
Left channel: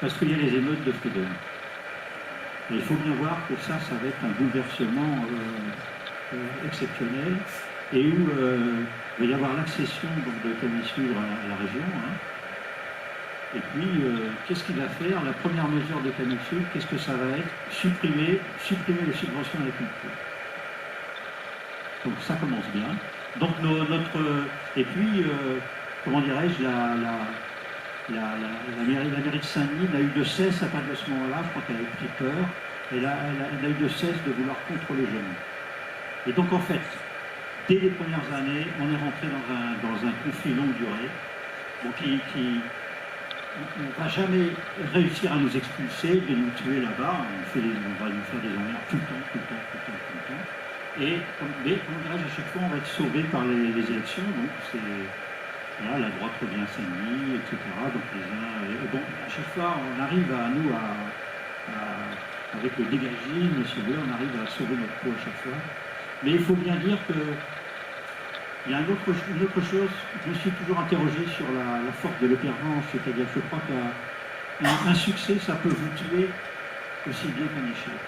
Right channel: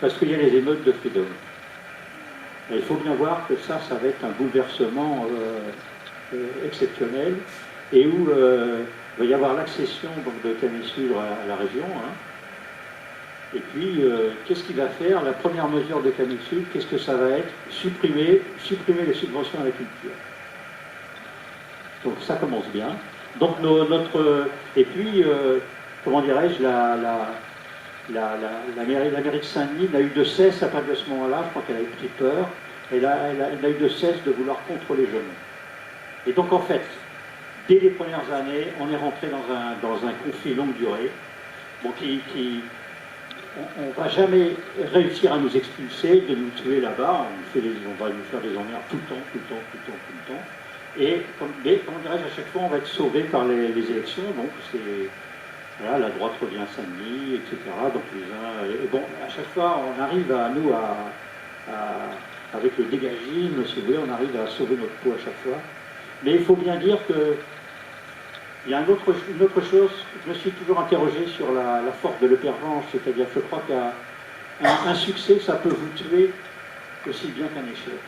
Parce qu'il y a les émeutes de Freedom. Et il faut bien voir que ça va être un bouleversement exceptionnel, et où il va y avoir l'accession de Camille Sudre à la région. Hein. Et puis, qu'est-ce qu'il va faire? La première mesure de Camille Sud, qu'est-ce que ça va être? Supprimer les subventions à la culture. Donc ça commence bien. Donc et puis, comment dirais-je, la mairie de Saint-Denis n'a eu de cesse à partir de ce moment-là, je crois qu'elle a eu pris peur, elle n'a eu de cesse de vouloir contrôler Gemont. Et donc en fait, dès les premières années, on est rentré dans un conflit longue durée, bon, on ne va jamais réussir à nous expulser, de nous tuer là-bas, on va nous faire des emmerdes tout le temps. Et comme dirais-je, à chaque fois, on va être sauvé par les élections, donc c'est... Voilà, la droite revient à Saint-Denis, etc. Donc bon, à chaque fois, on arrive avec le dégagisme, si vous voulez, on arrive à sauver notre peau à chaque fois. Mais il faut bien dire que il y a une autre chose, je me suis toujours interrogé sur la force de l'Epervenche, c'est-à-dire je crois qu'un succès, ça peut vous tuer aussi bien qu'un échec.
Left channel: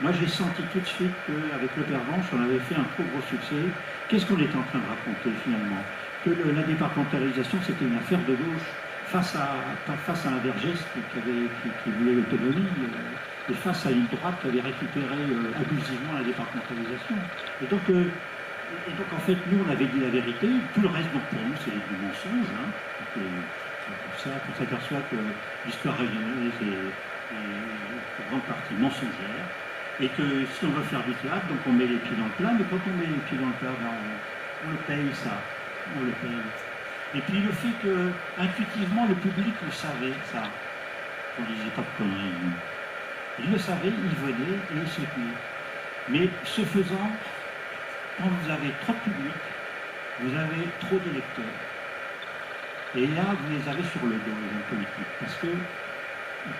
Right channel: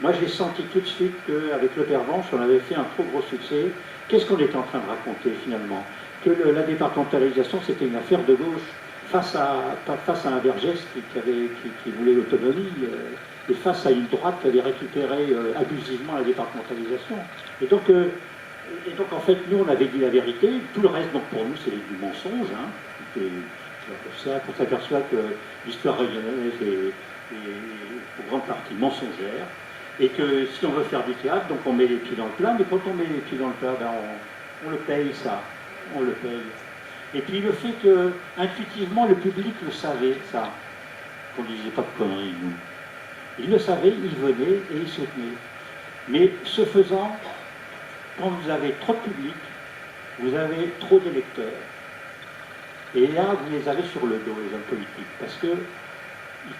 Moi, j'ai senti tout de suite qu'avec l'Epervenche, on avait fait un trop gros succès. Qu'est-ce qu'on était en train de raconter finalement? Que la départementalisation, c'était une affaire de gauche face à un Vergès qui voulait l'autonomie et face à une droite qui avait récupéré abusivement la départementalisation. Et donc, en fait, nous, on avait dit la vérité. Tout le reste, donc, pour nous, c'est du mensonge. Hein. Et pour ça qu'on s'aperçoit que l'histoire régionale est pour grande partie mensongère. Et que si on veut faire du théâtre, donc on met les pieds dans le plat. Mais quand on met les pieds dans le plat, ben, on le paye, ça. On le paye. Et puis le fait que, intuitivement, le public le savait, ça, qu'on ne disait pas de conneries, nous. Il le savait, il venait et il soutenait. Mais ce faisant, quand vous avez trop de public, vous avez trop d'électeurs. Et là, vous les avez sur le dos, les hommes politiques, parce que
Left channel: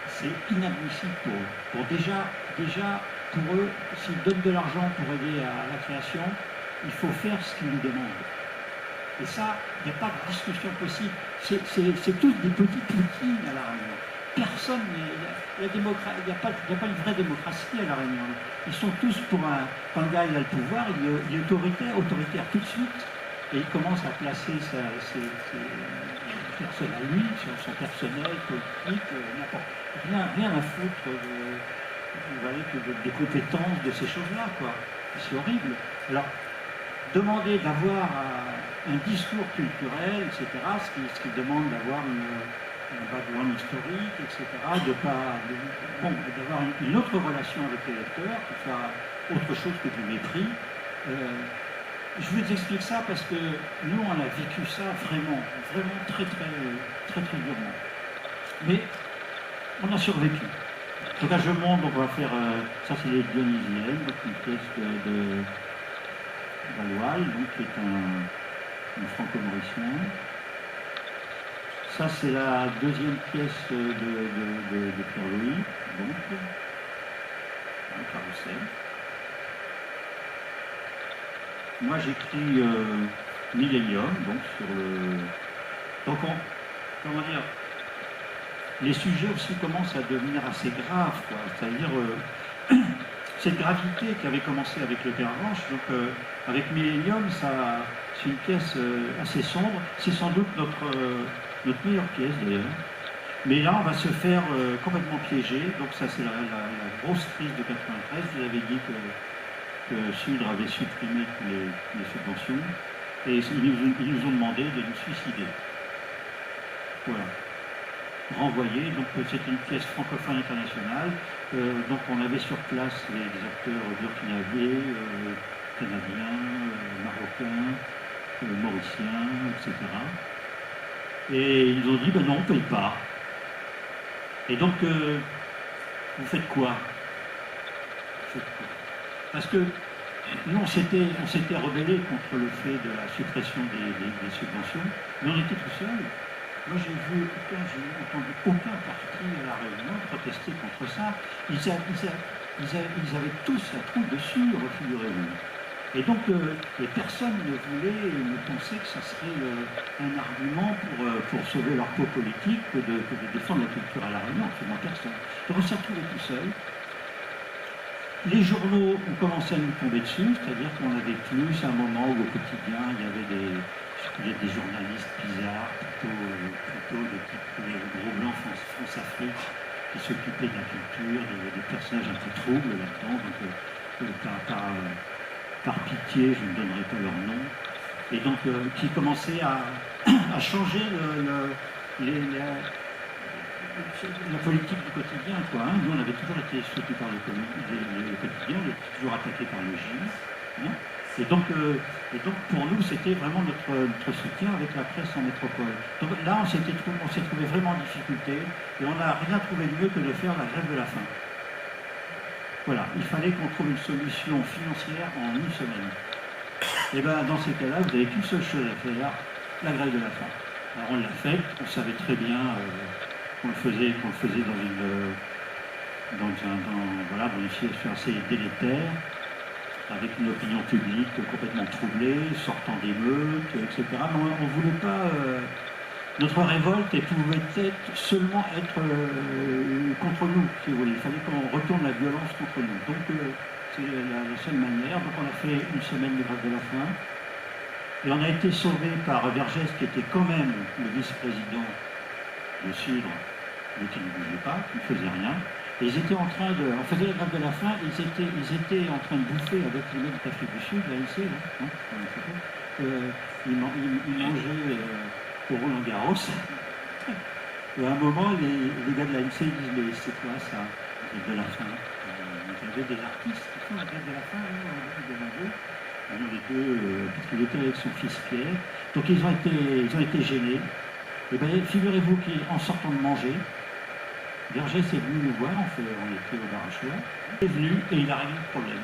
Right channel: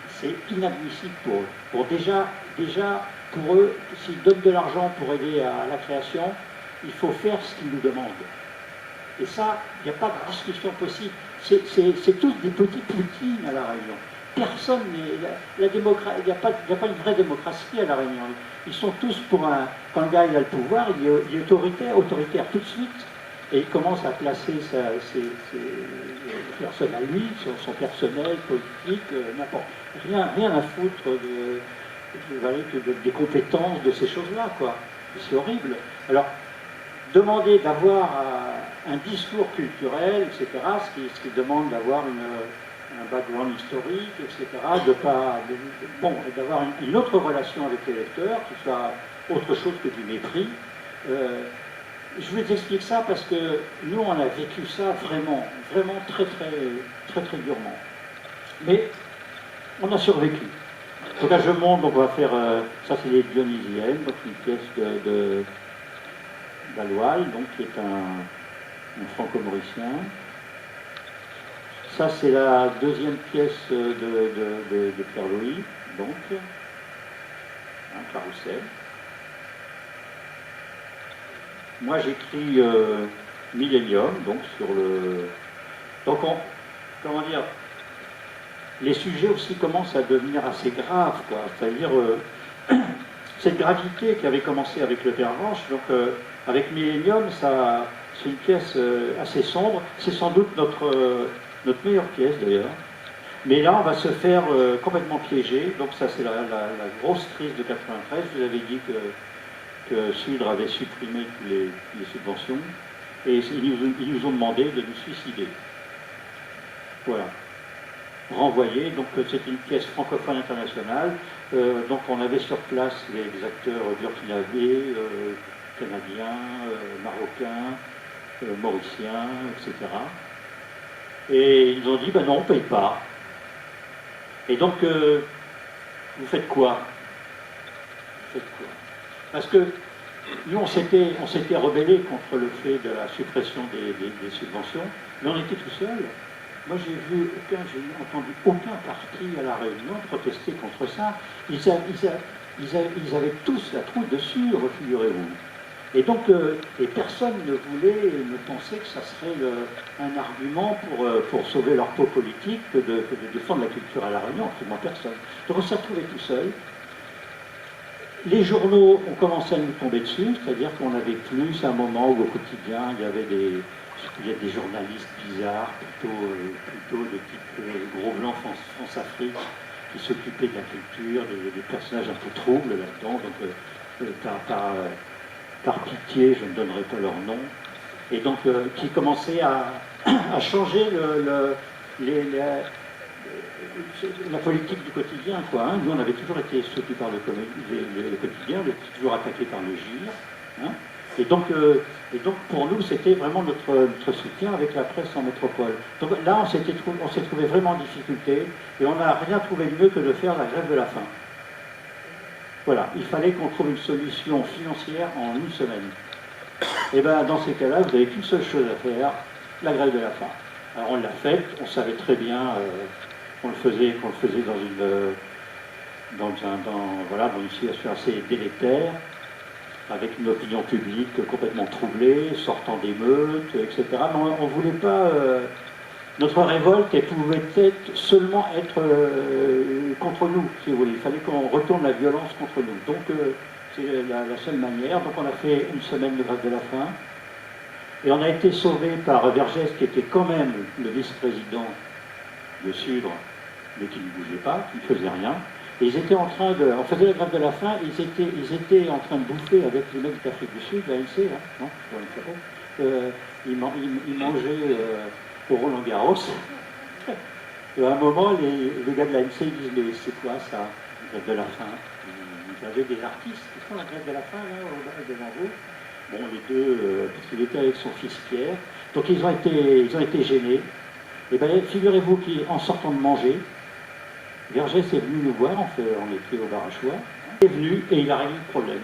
c'est inadmissible pour eux. Bon, déjà, pour eux, s'ils donnent de l'argent pour aider à la création, il faut faire ce qu'ils nous demandent. Et ça, il n'y a pas de discussion possible. C'est tous des petits Poutines à La Réunion. Personne n'est... Il n'y a pas une vraie démocratie à La Réunion. Ils sont tous pour un... Quand le gars il a le pouvoir, il est autoritaire tout de suite. Et il commence à placer ses personnes à lui, son personnel, politique, n'importe... Rien à foutre des compétences de ces choses-là, quoi. C'est horrible. Alors, demander d'avoir un discours culturel, etc., ce qui demande d'avoir un background historique, etc., d'avoir une autre relation avec les lecteurs, qui soit autre chose que du mépris. Je vous explique ça parce que nous, on a vécu ça vraiment très durement. Mais on a survécu. Donc à Gemont, on va faire, ça c'est les Dionysiennes, donc une pièce d'Aloal, donc qui est un franco-mauricien. Ça, c'est la deuxième pièce de Pierre-Louis, donc, un carrousel. Moi, j'écris Millennium, donc sur le... Donc, comment dire, les sujets aussi commencent à devenir assez graves, quoi. C'est-à-dire, cette gravité qui avait commencé avec le Pervenche, donc avec Millennium, c'est une pièce assez sombre. C'est sans doute notre meilleure pièce, d'ailleurs. Mais là, on va se faire complètement piéger. Donc ça, c'est la grosse crise de 93. Vous avez dit que Sudre avait supprimé toutes les subventions. Et ils nous ont demandé de nous suicider. Voilà. Renvoyé. Donc c'était une pièce francophone internationale. Donc on avait sur place les acteurs burkinabés, canadiens, marocains, mauriciens, etc. Et ils nous ont dit, ben non, on ne paye pas. Et donc, vous faites quoi? Parce que nous, on s'était rebellés contre le fait de la suppression des subventions, mais on était tout seuls. Moi, j'ai entendu aucun parti à La Réunion protester contre ça. Ils avaient tous la trouille dessus, figurez-vous. Et donc, et personne ne pensait que ça serait un argument pour sauver leur peau politique que de défendre la culture à La Réunion, absolument personne. Donc on s'est retrouvés tout seul. Les journaux ont commencé à nous tomber dessus, c'est-à-dire qu'on avait plus un moment où au quotidien, il y avait des journalistes bizarres, plutôt de type Gros Blanc France-Afrique, qui s'occupaient de la culture, des personnages un peu troubles là-dedans, donc par pitié, je ne donnerai pas leur nom, et donc qui commençaient à changer la politique du quotidien, quoi. Hein. Nous, on avait toujours été soutenus par le quotidien, on était toujours attaqués par le GIR. Hein. Et donc, pour nous, c'était vraiment notre soutien avec la presse en métropole. Donc là, on s'est trouvé vraiment en difficulté, et on n'a rien trouvé de mieux que de faire la grève de la faim. Voilà, il fallait qu'on trouve une solution financière en une semaine. Et bien, dans ces cas-là, vous n'avez qu'une seule chose à faire, la grève de la faim. Alors on l'a faite, on savait très bien qu'on le faisait dans une situation assez délétère, avec une opinion publique complètement troublée, sortant d'émeutes, etc. Mais on ne voulait pas... notre révolte pouvait seulement être contre nous, si vous voulez. Il fallait qu'on retourne la violence contre nous. Donc c'est la seule manière. Donc on a fait une semaine de grève de la faim. Et on a été sauvé par Vergès, qui était quand même le vice-président de Sudre, mais qui ne bougeait pas, qui ne faisait rien. Et ils étaient en train de... On faisait la grève de la faim, ils étaient en train de bouffer avec les mecs d'Afrique du Sud, l'ANC, là, non, ils mangeaient au Roland Garros. Et à un moment, les gars de l'ANC disent, mais c'est quoi ça, la grève de la faim? Vous avez des artistes qui font la grève de la faim, là, devant vous. Bon, les deux, parce qu'il était avec son fils Pierre. Donc ils ont été gênés. Et bien, figurez-vous qu'en sortant de manger, Vergès est venu nous voir, on était au bar à choix. Il est venu et il a réglé le problème.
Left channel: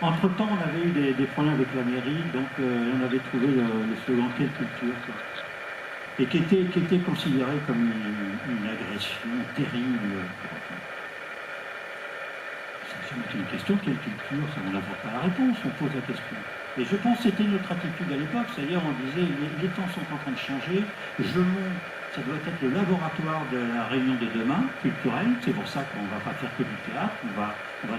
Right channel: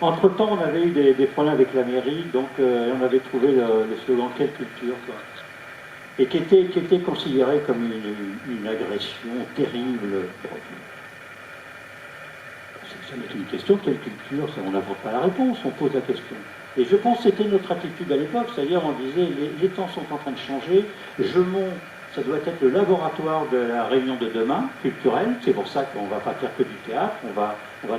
Entre-temps, on avait eu des problèmes avec la mairie, donc on avait trouvé le slogan « Quelle culture ?» quoi. Et qui était considéré comme une agression terrible. C'est jamais une question, quelle culture? On n'apporte pas la réponse, on pose la question. Et je pense que c'était notre attitude à l'époque, c'est-à-dire on disait les temps sont en train de changer, Gemont, ça doit être le laboratoire de la Réunion de demain, culturelle, c'est pour ça qu'on ne va pas faire que du théâtre, on va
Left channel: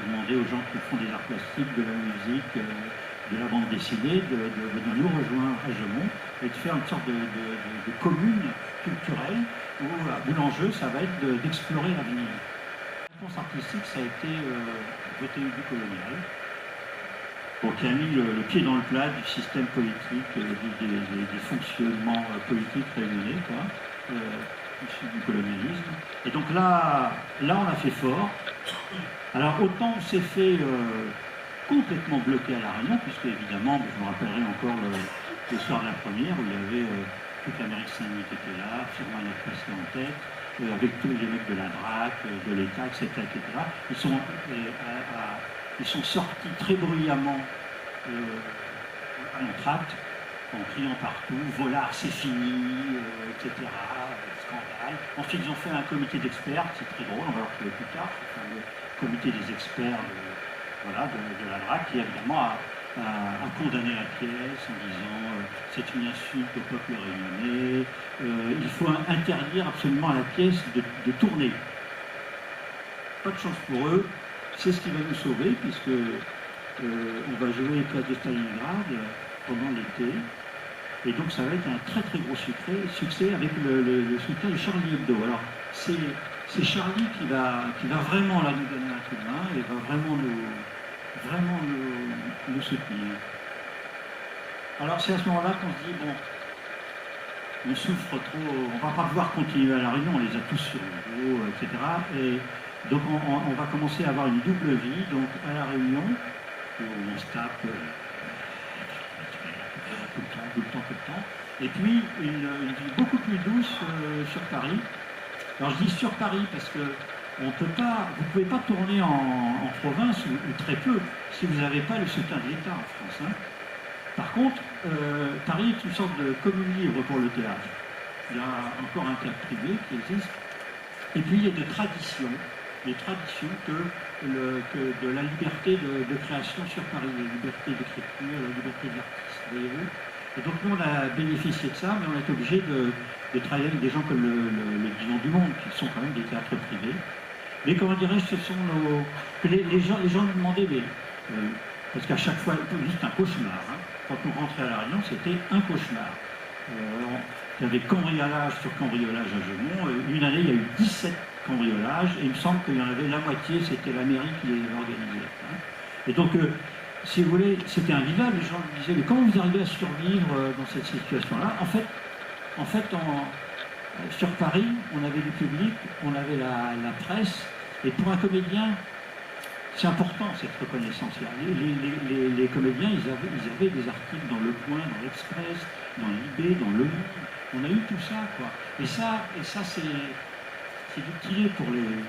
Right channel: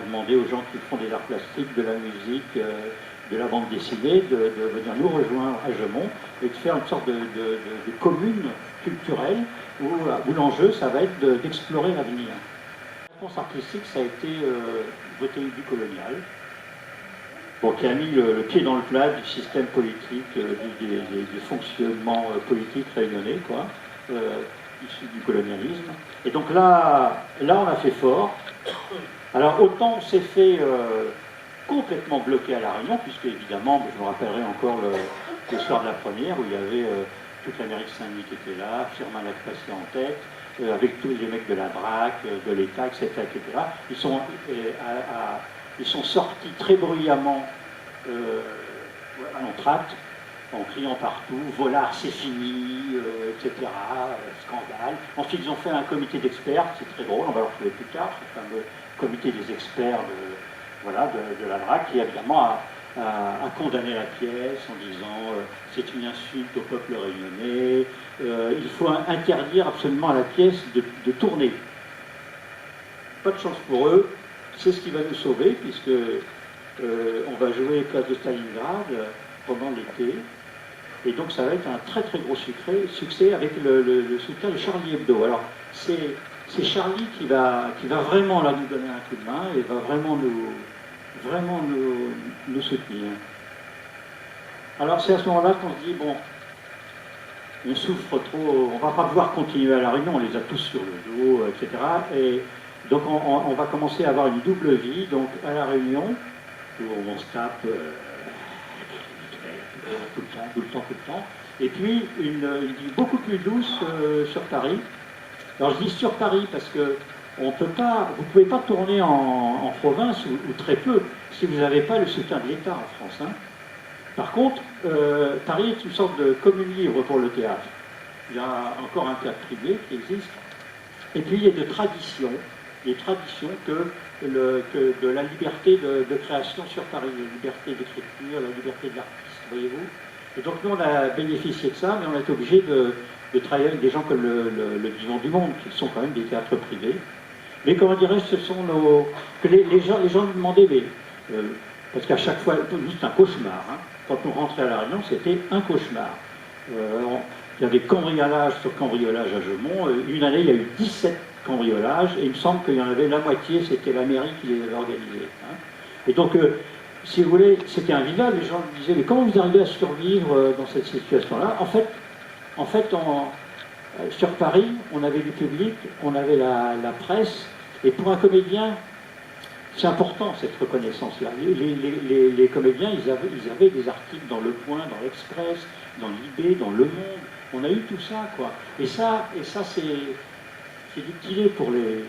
demander aux gens qui font des arts plastiques, de la musique, de la bande dessinée, de venir nous rejoindre à Gemont et de faire une sorte de commune culturelle où l'enjeu, ça va être d'explorer l'avenir. La réponse artistique, ça a été voter du colonial, bon, qui a mis le pied dans le plat du système politique, des fonctionnements politiques réunionnais, quoi, issus du colonialisme. Et donc là, on a fait fort. Alors autant on s'est fait complètement bloqué à La Réunion, puisque évidemment, je me rappellerai encore le soir de la première, où il y avait toute l'Amérique Saint-Denis qui était là, Firmin Lacressier en tête, avec tous les mecs de la DRAC, de l'État, etc., etc. Ils sont sortis très bruyamment à l'entracte, en criant partout, Volard c'est fini, etc., scandale. Ensuite, ils ont fait un comité d'experts, c'est très drôle, on va le retrouver plus tard, ce fameux comité des experts de la DRAC, qui évidemment a condamné la pièce en disant c'est une insulte au peuple réunionnais, il faut interdire absolument à la pièce de tourner. Pas de chance pour eux, c'est ce qui va nous sauver, puisque on va jouer place de Stalingrad pendant l'été, et donc ça va être un très très gros succès avec le soutien de Charlie Hebdo. Alors c'est Charlie qui va vraiment là nous donner un coup de main et va vraiment nous soutenir. Alors c'est à ce moment-là qu'on se dit, bon, on souffre trop, on va pas pouvoir continuer à la Réunion, on les a tous sur le dos, etc. Et donc on va commencer à avoir une double vie, donc à la Réunion, où on se tape tout le temps, et puis une vie beaucoup plus douce sur Paris. Alors je dis sur Paris parce que vous ne pouvez pas tourner en province, ou très peu, si vous n'avez pas le soutien de l'État en France. Hein. Par contre, Paris est une sorte de commune libre pour le théâtre. Il y a encore un théâtre privé qui existe. Et puis il y a des traditions que de la liberté de création sur Paris, la liberté d'écriture, la liberté de l'artiste, voyez-vous. Et donc nous on a bénéficié de ça, mais on est obligé de travailler avec des gens comme le Divan du Monde, qui sont quand même des théâtres privés. Mais comment dirais-je, ce sont les gens nous demandaient, parce qu'à chaque fois, juste un cauchemar. Hein. Quand on rentrait à La Réunion, c'était un cauchemar. Il y a des cambriolages sur cambriolages à Jeumont. Une année, il y a eu 17 cambriolages, et il me semble qu'il y en avait la moitié, c'était la mairie qui les avait organisés. Hein. Et donc, si vous voulez, c'était invivable. Les gens me disaient, mais comment vous arrivez à survivre dans cette situation-là? En fait, sur Paris, on avait du public, on avait la presse, et pour un comédien, c'est important cette reconnaissance-là. Les comédiens, ils avaient des articles dans Le Point, dans l'Express, dans l'IB, dans Le Monde. On a eu tout ça, quoi. Et ça c'est utile pour les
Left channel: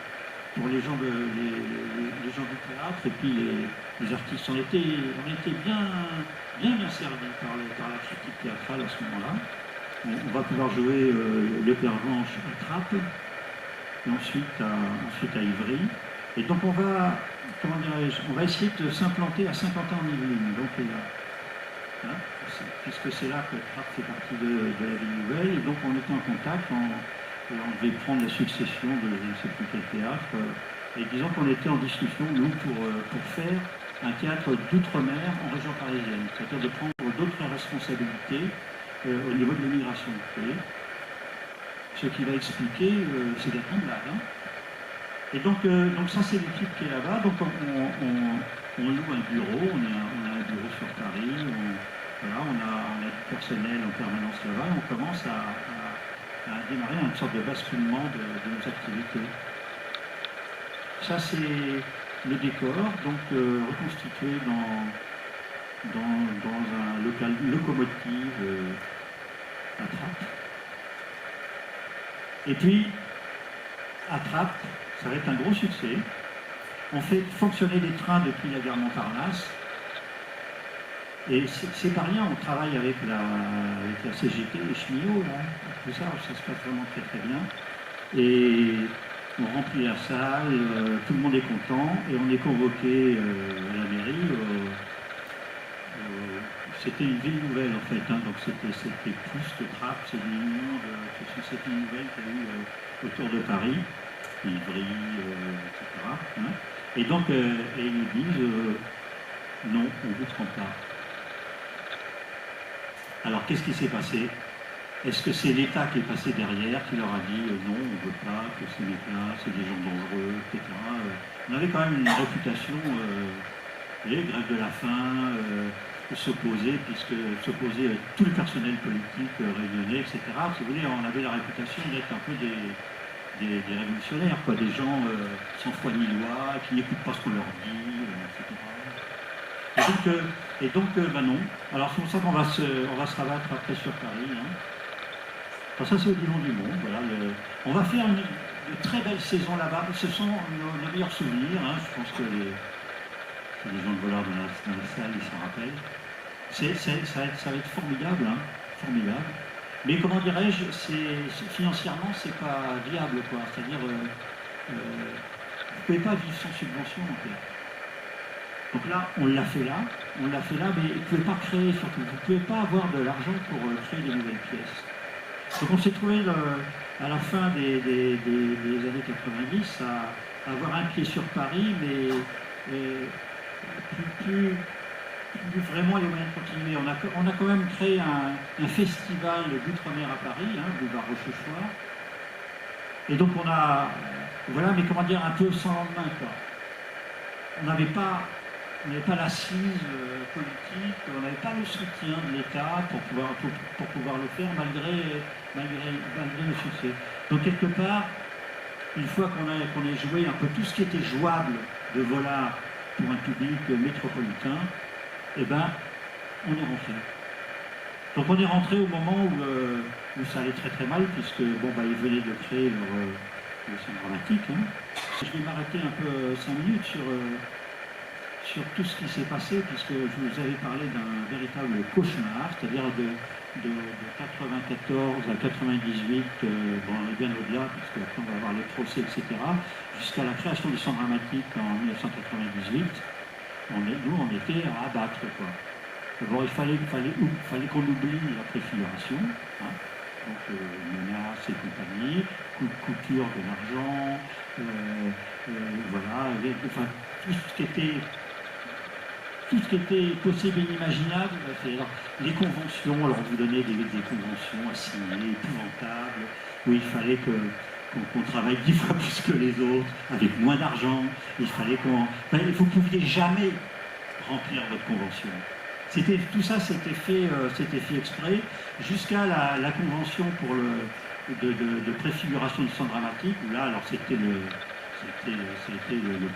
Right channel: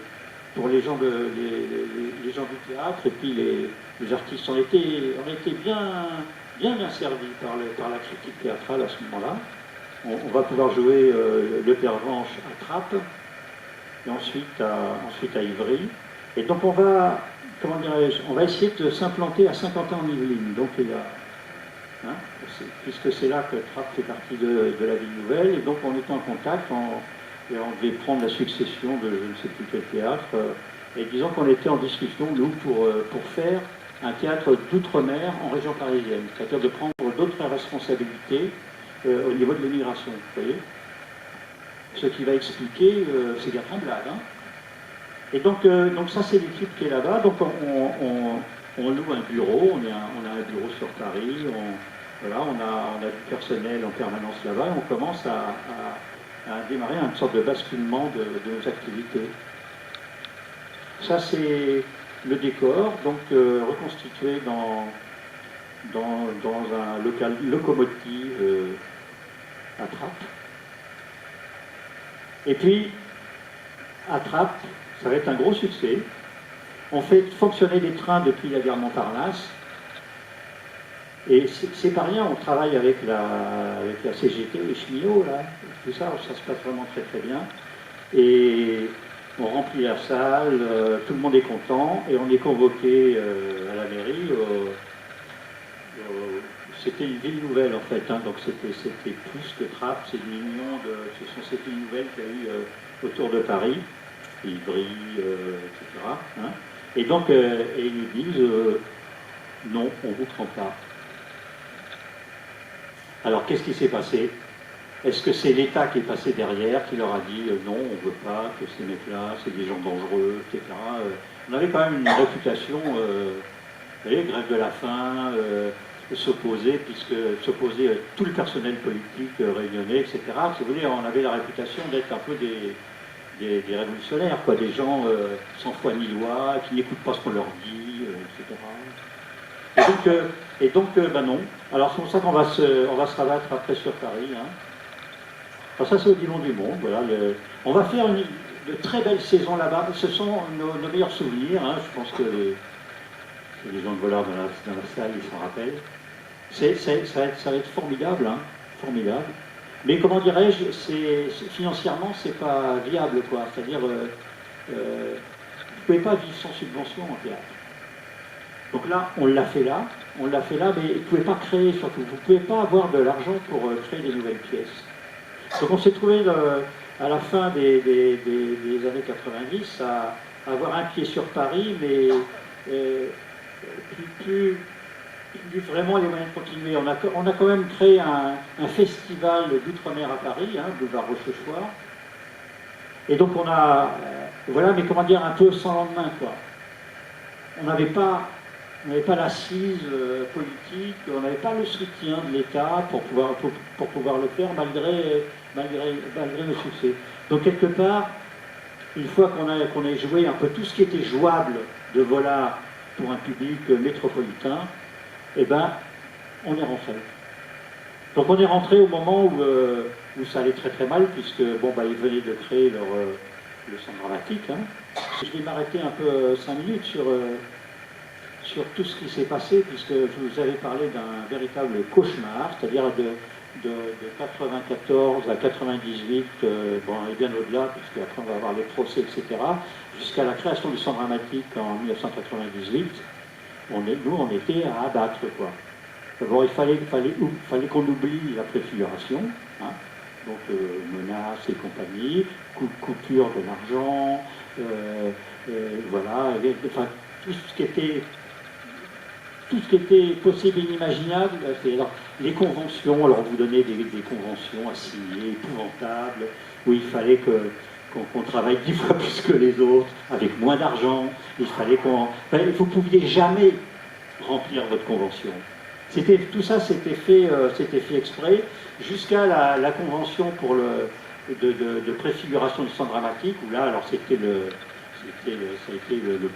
gens les gens du théâtre, et puis les artistes. On était bien servis par la critique théâtrale à ce moment-là. On va pouvoir jouer Le Pervenche à Trappes, et ensuite à Ivry. Et donc on va essayer de s'implanter à Saint-Quentin-en-Yvelines, donc là, hein, puisque c'est là que Trappes fait partie de la ville nouvelle, et donc on est en contact, et on devait prendre la succession de je ne sais plus quel théâtre, et disons qu'on était en discussion, nous, pour faire un théâtre d'outre-mer en région parisienne, c'est-à-dire de prendre d'autres responsabilités au niveau de l'immigration, vous voyez. Ce qui va expliquer, c'est Bertrand Blade. Hein. Et donc ça, c'est l'équipe qui est là-bas. Donc on loue un bureau, on a un bureau sur Paris, on a du personnel en permanence là-bas, on commence à démarrer une sorte de basculement de nos activités. Ça, c'est le décor, donc reconstitué dans un local locomotive à Trappes. Et puis, à Trappes, ça va être un gros succès. On fait fonctionner des trains depuis la gare Montparnasse. Et c'est pas rien, on travaille avec la CGT, les cheminots, là, tout ça, ça se passe vraiment très très bien. Et on remplit la salle, tout le monde est content, et on est convoqué à la mairie. C'était une ville nouvelle en fait, hein, donc c'était plus que Trappes, c'est une union c'était une nouvelle qu'il y a eu autour de Paris, Ivry, etc. Hein. Et donc, ils nous disent non, on ne vous prend pas. Alors, qu'est-ce qui s'est passé? Est-ce que c'est l'État qui est passé derrière, qui leur a dit non, on ne veut pas que ces mecs-là, c'est des gens dangereux, etc. On avait quand même une réputation, vous voyez, grève de la faim, s'opposer tout le personnel politique réunionnais, etc. Si vous voulez, on avait la réputation d'être un peu des révolutionnaires, quoi, des gens sans foi ni loi, qui n'écoutent pas ce qu'on leur dit, etc. Et donc, non. Alors c'est pour ça qu'on va se rabattre après sur Paris. Hein. Alors ça, c'est au Divan du Monde. Voilà, on va faire de très belles saisons là-bas. Ce sont nos meilleurs souvenirs. Hein. Je pense que les gens de Volard dans la salle, ils s'en rappellent. Ça va être formidable, hein, formidable. Mais comment dirais-je, financièrement, c'est pas viable, quoi. C'est-à-dire, vous ne pouvez pas vivre sans subvention en théâtre. Donc là, on l'a fait là, mais vous ne pouvez pas créer, surtout. Vous ne pouvez pas avoir de l'argent pour créer des nouvelles pièces. Donc on s'est trouvé à la fin des années 90 à avoir un pied sur Paris, mais plus vraiment les moyens de continuer. On a quand même créé un festival d'outre-mer à Paris, hein, boulevard Rochechouart. Et donc on a, voilà, mais comment dire, un peu sans lendemain, quoi. On n'avait pas l'assise politique, on n'avait pas le soutien de l'État pour pouvoir le faire malgré le succès. Donc quelque part, une fois qu'on ait joué un peu tout ce qui était jouable de Vollard pour un public métropolitain, eh ben, on est rentré. Donc on est rentré au moment où ça allait très très mal, puisque bon, bah, ils venaient de créer le Centre Dramatique. Hein. Je vais m'arrêter un peu 5 minutes sur tout ce qui s'est passé, puisque je vous avais parlé d'un véritable cauchemar, c'est-à-dire de 94 à 98, bon, et bien au-delà, parce qu'après on va avoir les procès, etc., jusqu'à la création du Centre Dramatique en 1998. Nous, on était à abattre, quoi. D'abord, il fallait qu'on oublie la préfiguration, hein, donc menaces et compagnie, coupure de l'argent, voilà, enfin, tout ce qui était possible et inimaginable. Alors, les conventions, alors vous donnez des conventions à signer, épouvantables, où il fallait qu'on travaille 10 fois plus que les autres, avec moins d'argent. Il fallait vous ne pouviez jamais remplir votre convention. Tout ça, c'était fait exprès, jusqu'à la convention pour de préfiguration du Centre Dramatique, où là, alors ça a été le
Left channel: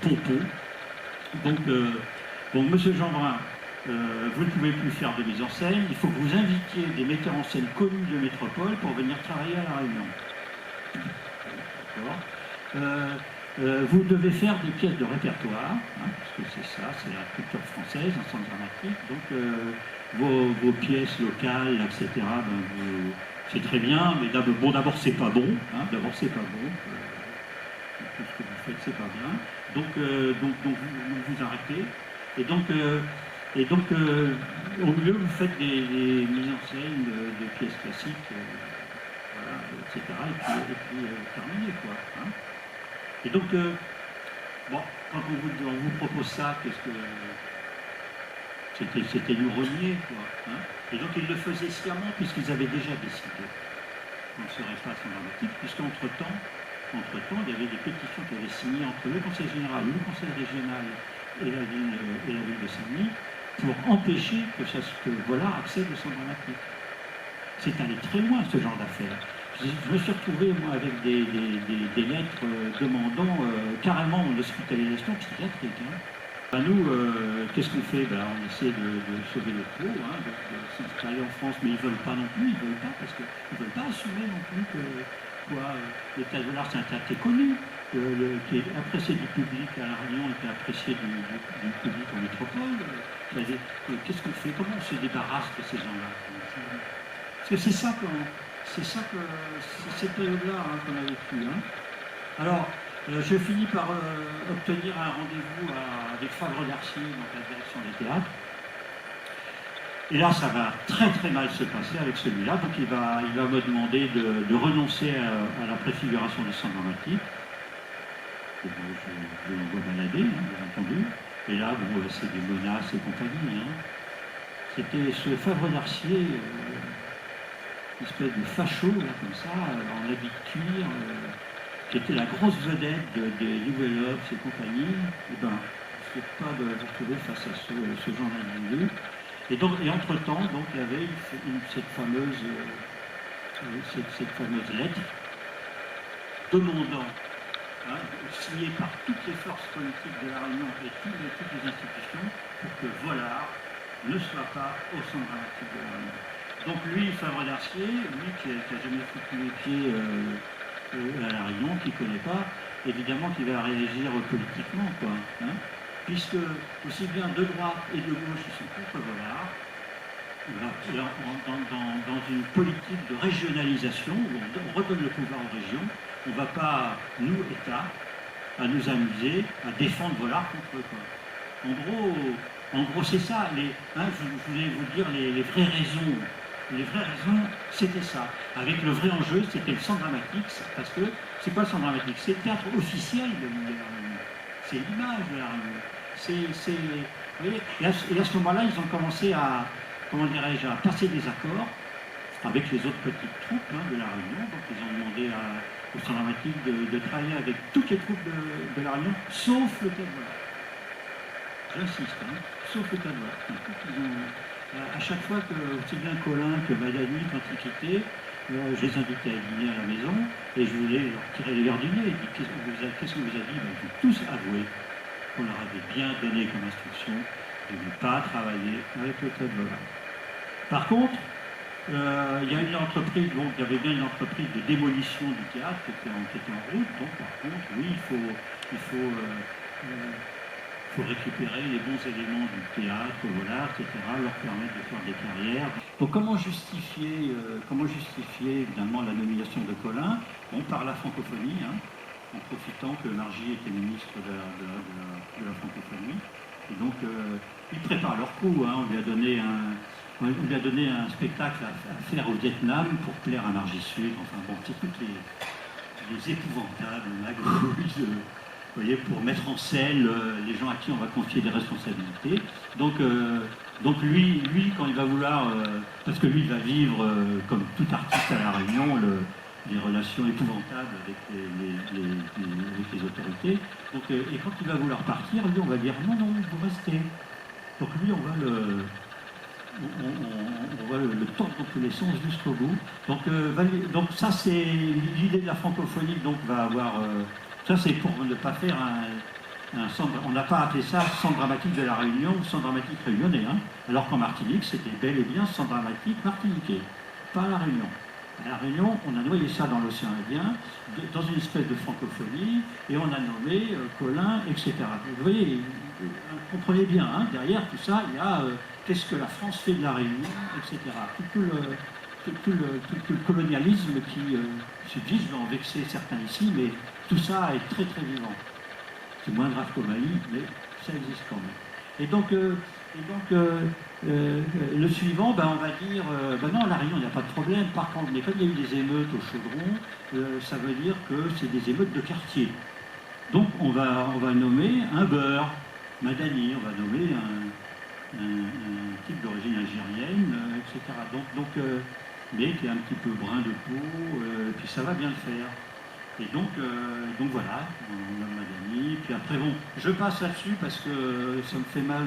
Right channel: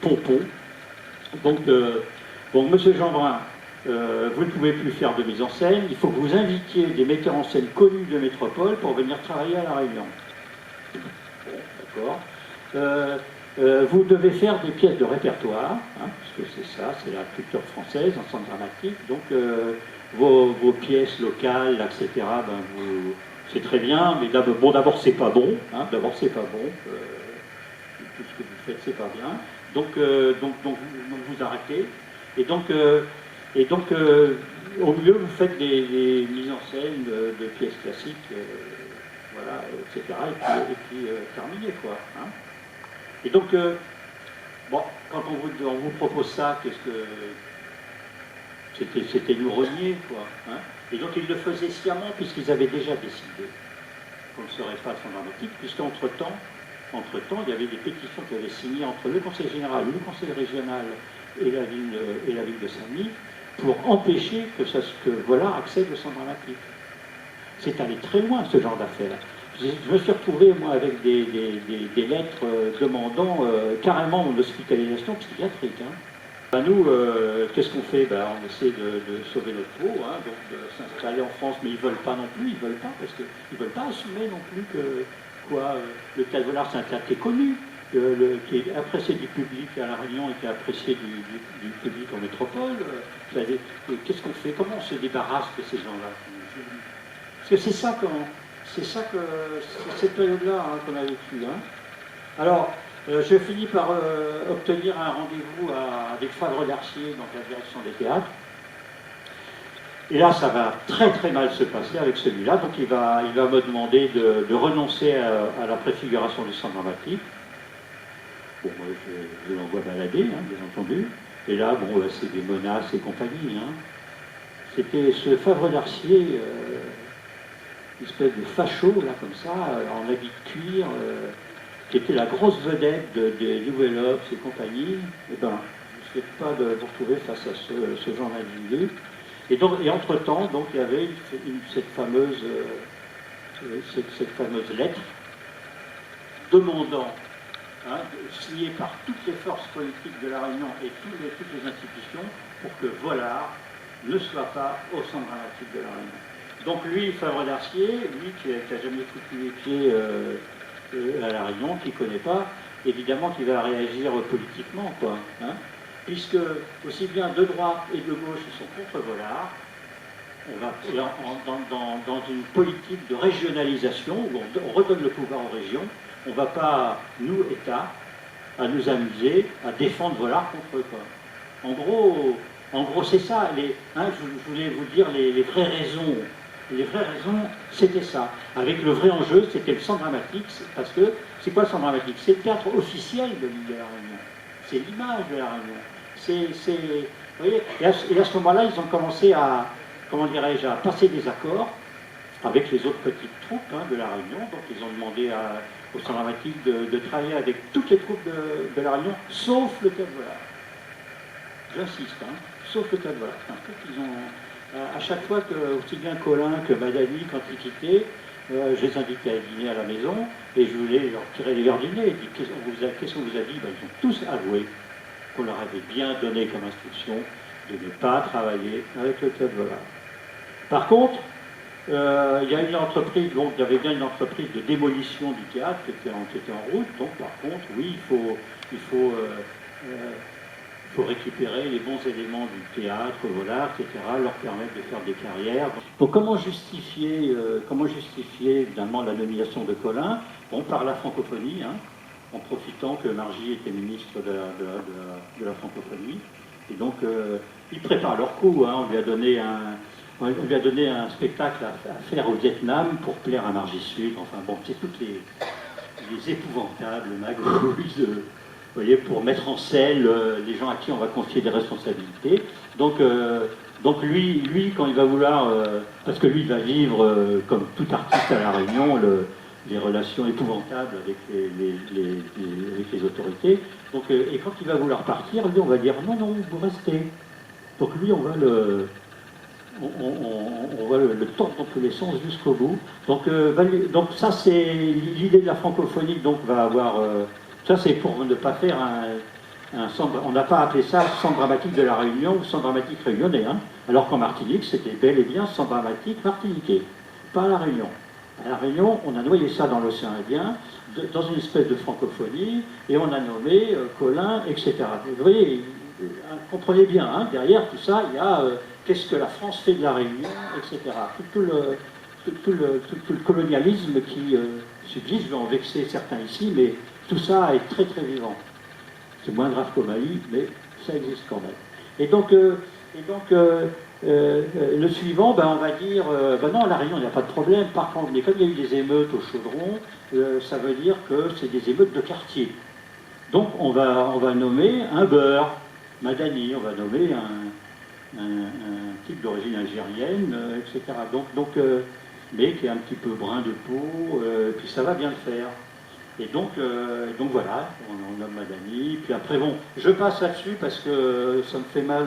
pompon. Donc, bon, Monsieur Jeanbrun, vous ne pouvez plus faire de mise en scène, il faut que vous invitiez des metteurs en scène connus de métropole pour venir travailler à La Réunion. D'accord. Vous devez faire des pièces de répertoire, hein, puisque c'est ça, c'est la culture française, un centre dramatique. Donc vos pièces locales, etc., ben, c'est très bien, mais d'abord c'est pas bon, hein, d'abord c'est pas bon, tout ce que vous faites c'est pas bien. Donc vous arrêtez. Et donc au mieux vous faites des mises en scène de pièces classiques, voilà, etc. Et puis terminé, quoi. Hein. Et donc, bon, quand on vous propose ça, c'était nous renier, quoi. Hein. Et donc ils le faisaient sciemment, puisqu'ils avaient déjà décidé qu'on ne serait pas sans dramatique, puisqu'entre-temps, il y avait des pétitions qui avaient signées entre le Conseil général, le Conseil régional et la ville de Saint-Denis, pour empêcher que voilà accède au centre dramatique. C'est allé très loin, ce genre d'affaires. Je me suis retrouvé, moi, avec des lettres demandant carrément mon hospitalisation psychiatrique. Hein. Ben nous, qu'est-ce qu'on fait? Ben, on essaie de sauver notre peau, hein, donc de s'installer en France, mais ils ne veulent pas non plus, parce qu'ils ne veulent pas assumer non plus que le Théâtre Vollard, c'est un théâtre qui est connu, qui est apprécié du public à La Réunion et qui est apprécié du public en métropole. Qu'est-ce qu'on fait? Comment on se débarrasse de ces gens-là? Parce que c'est cette période-là, hein, qu'on a vécu. Hein. Alors, je finis par obtenir un rendez-vous avec Favre d'Arcier, donc la direction des théâtres. Et là, ça va très très mal se passer avec celui-là. Donc il va me demander de renoncer à la préfiguration du centre dramatique. Bon, moi, je l'envoie balader, hein, bien entendu. Et là, bon, c'est des menaces et compagnie. Hein. C'était ce Favre d'Arcier, une espèce de facho, là, comme ça, en habit de cuir, qui était la grosse vedette des Nouvelles Obs et compagnie. Eh ben, je ne souhaite pas de vous retrouver face à ce genre d'individu. Et entre-temps, donc, il y avait cette fameuse lettre demandant, hein, signée par toutes les forces politiques de La Réunion et toutes les institutions, pour que Vollard ne soit pas au centre dramatique de La Réunion. Donc lui, Favre d'Arcier, lui qui n'a jamais foutu les pieds à La Réunion, qui ne connaît pas, évidemment qu'il va réagir politiquement, quoi. Hein, puisque aussi bien de droite et de gauche, ils sont contre Vollard, on va dans une politique de régionalisation où on redonne le pouvoir aux régions. On ne va pas, nous, État, à nous amuser à défendre Volard contre eux. En gros, c'est ça. Je voulais vous dire les vraies raisons. Les vraies raisons, c'était ça. Avec le vrai enjeu, c'était le centre dramatique. Parce que, c'est quoi le centre dramatique? C'est le théâtre officiel de l'île de la Réunion. C'est l'image de la Réunion. Vous voyez, et à ce moment-là, ils ont commencé à, comment dirais-je, à passer des accords avec les autres petites troupes de la Réunion. Donc, ils ont demandé au centre dramatique de travailler avec toutes les troupes de la Réunion, sauf le Théâtre Volard. J'insiste, sauf le Théâtre Volard. À chaque fois que, aussi bien Colin que Madani, quand ils quittaient, je les invitais à dîner à la maison et je voulais leur tirer les verres du nez. Qu'est-ce qu'on vous a dit? Ils ont tous avoué qu'on leur avait bien donné comme instruction de ne pas travailler avec le Théâtre Volard. Par contre, il y a une entreprise, donc il y avait bien une entreprise de démolition du théâtre qui était en route. Donc par contre, oui, il faut récupérer les bons éléments du théâtre, Volard, etc., leur permettre de faire des carrières. Donc comment justifier évidemment la nomination de Colin? Bon, par la francophonie, en profitant que Margy était ministre de la francophonie. Et donc, ils préparent leur coup. On lui a donné un spectacle à faire au Vietnam pour plaire à Margy Sud. Enfin bon, c'est toutes les épouvantables magouilles, vous voyez, pour mettre en scène les gens à qui on va confier des responsabilités. Donc lui, quand il va vouloir, parce que lui, il va vivre, comme tout artiste à La Réunion, les relations épouvantables avec les autorités. Donc, et quand il va vouloir partir, lui, on va dire non, vous restez. Donc lui, on va le tordre dans tous les sens jusqu'au bout. Donc ça, c'est l'idée de la francophonie, donc va avoir... ça, c'est pour ne pas faire un centre... On n'a pas appelé ça centre dramatique de la Réunion ou centre dramatique réunionnais, alors qu'en Martinique, c'était bel et bien centre dramatique martiniquais, pas à la Réunion. À la Réunion, on a noyé ça dans l'océan Indien, dans une espèce de francophonie, et on a nommé Colin, etc. Vous voyez, comprenez bien, derrière tout ça, il y a qu'est-ce que la France fait de la Réunion, etc. Tout le colonialisme qui subsiste, je vais en vexer certains ici, mais tout ça est très très vivant. C'est moins grave qu'au Mali, mais ça existe quand même. Et donc le suivant, on va dire, non, à La Réunion, il n'y a pas de problème. Par contre, mais comme il y a eu des émeutes au Chaudron, ça veut dire que c'est des émeutes de quartier. Donc on va nommer un beurre, Madani, on va nommer un type d'origine algérienne, etc. Mais qui est un petit peu brun de peau, et puis ça va bien le faire. Et donc voilà, on nomme Madani. Puis après, bon, je passe là-dessus parce que ça me fait mal.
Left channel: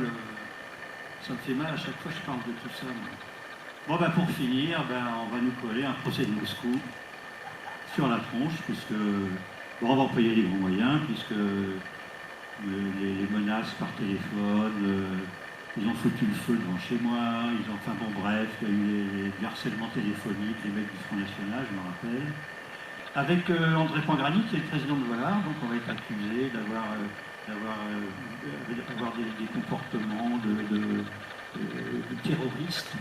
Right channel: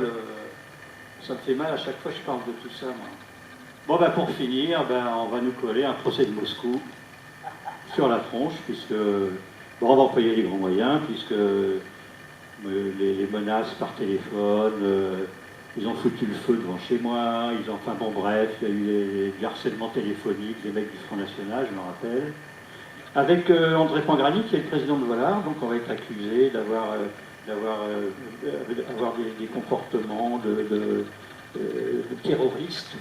Ça me fait mal à chaque fois que je parle de tout ça. Bon, pour finir, on va nous coller un procès de Moscou sur la tronche, puisque on va employer les grands moyens, puisque les menaces par téléphone, ils ont foutu le feu devant chez moi, enfin bon bref, il y a eu des harcèlements téléphoniques des mecs du Front National, je me rappelle. Avec André Pangrani, qui est le président de Volard, donc on va être accusé d'avoir des comportements de terroristes,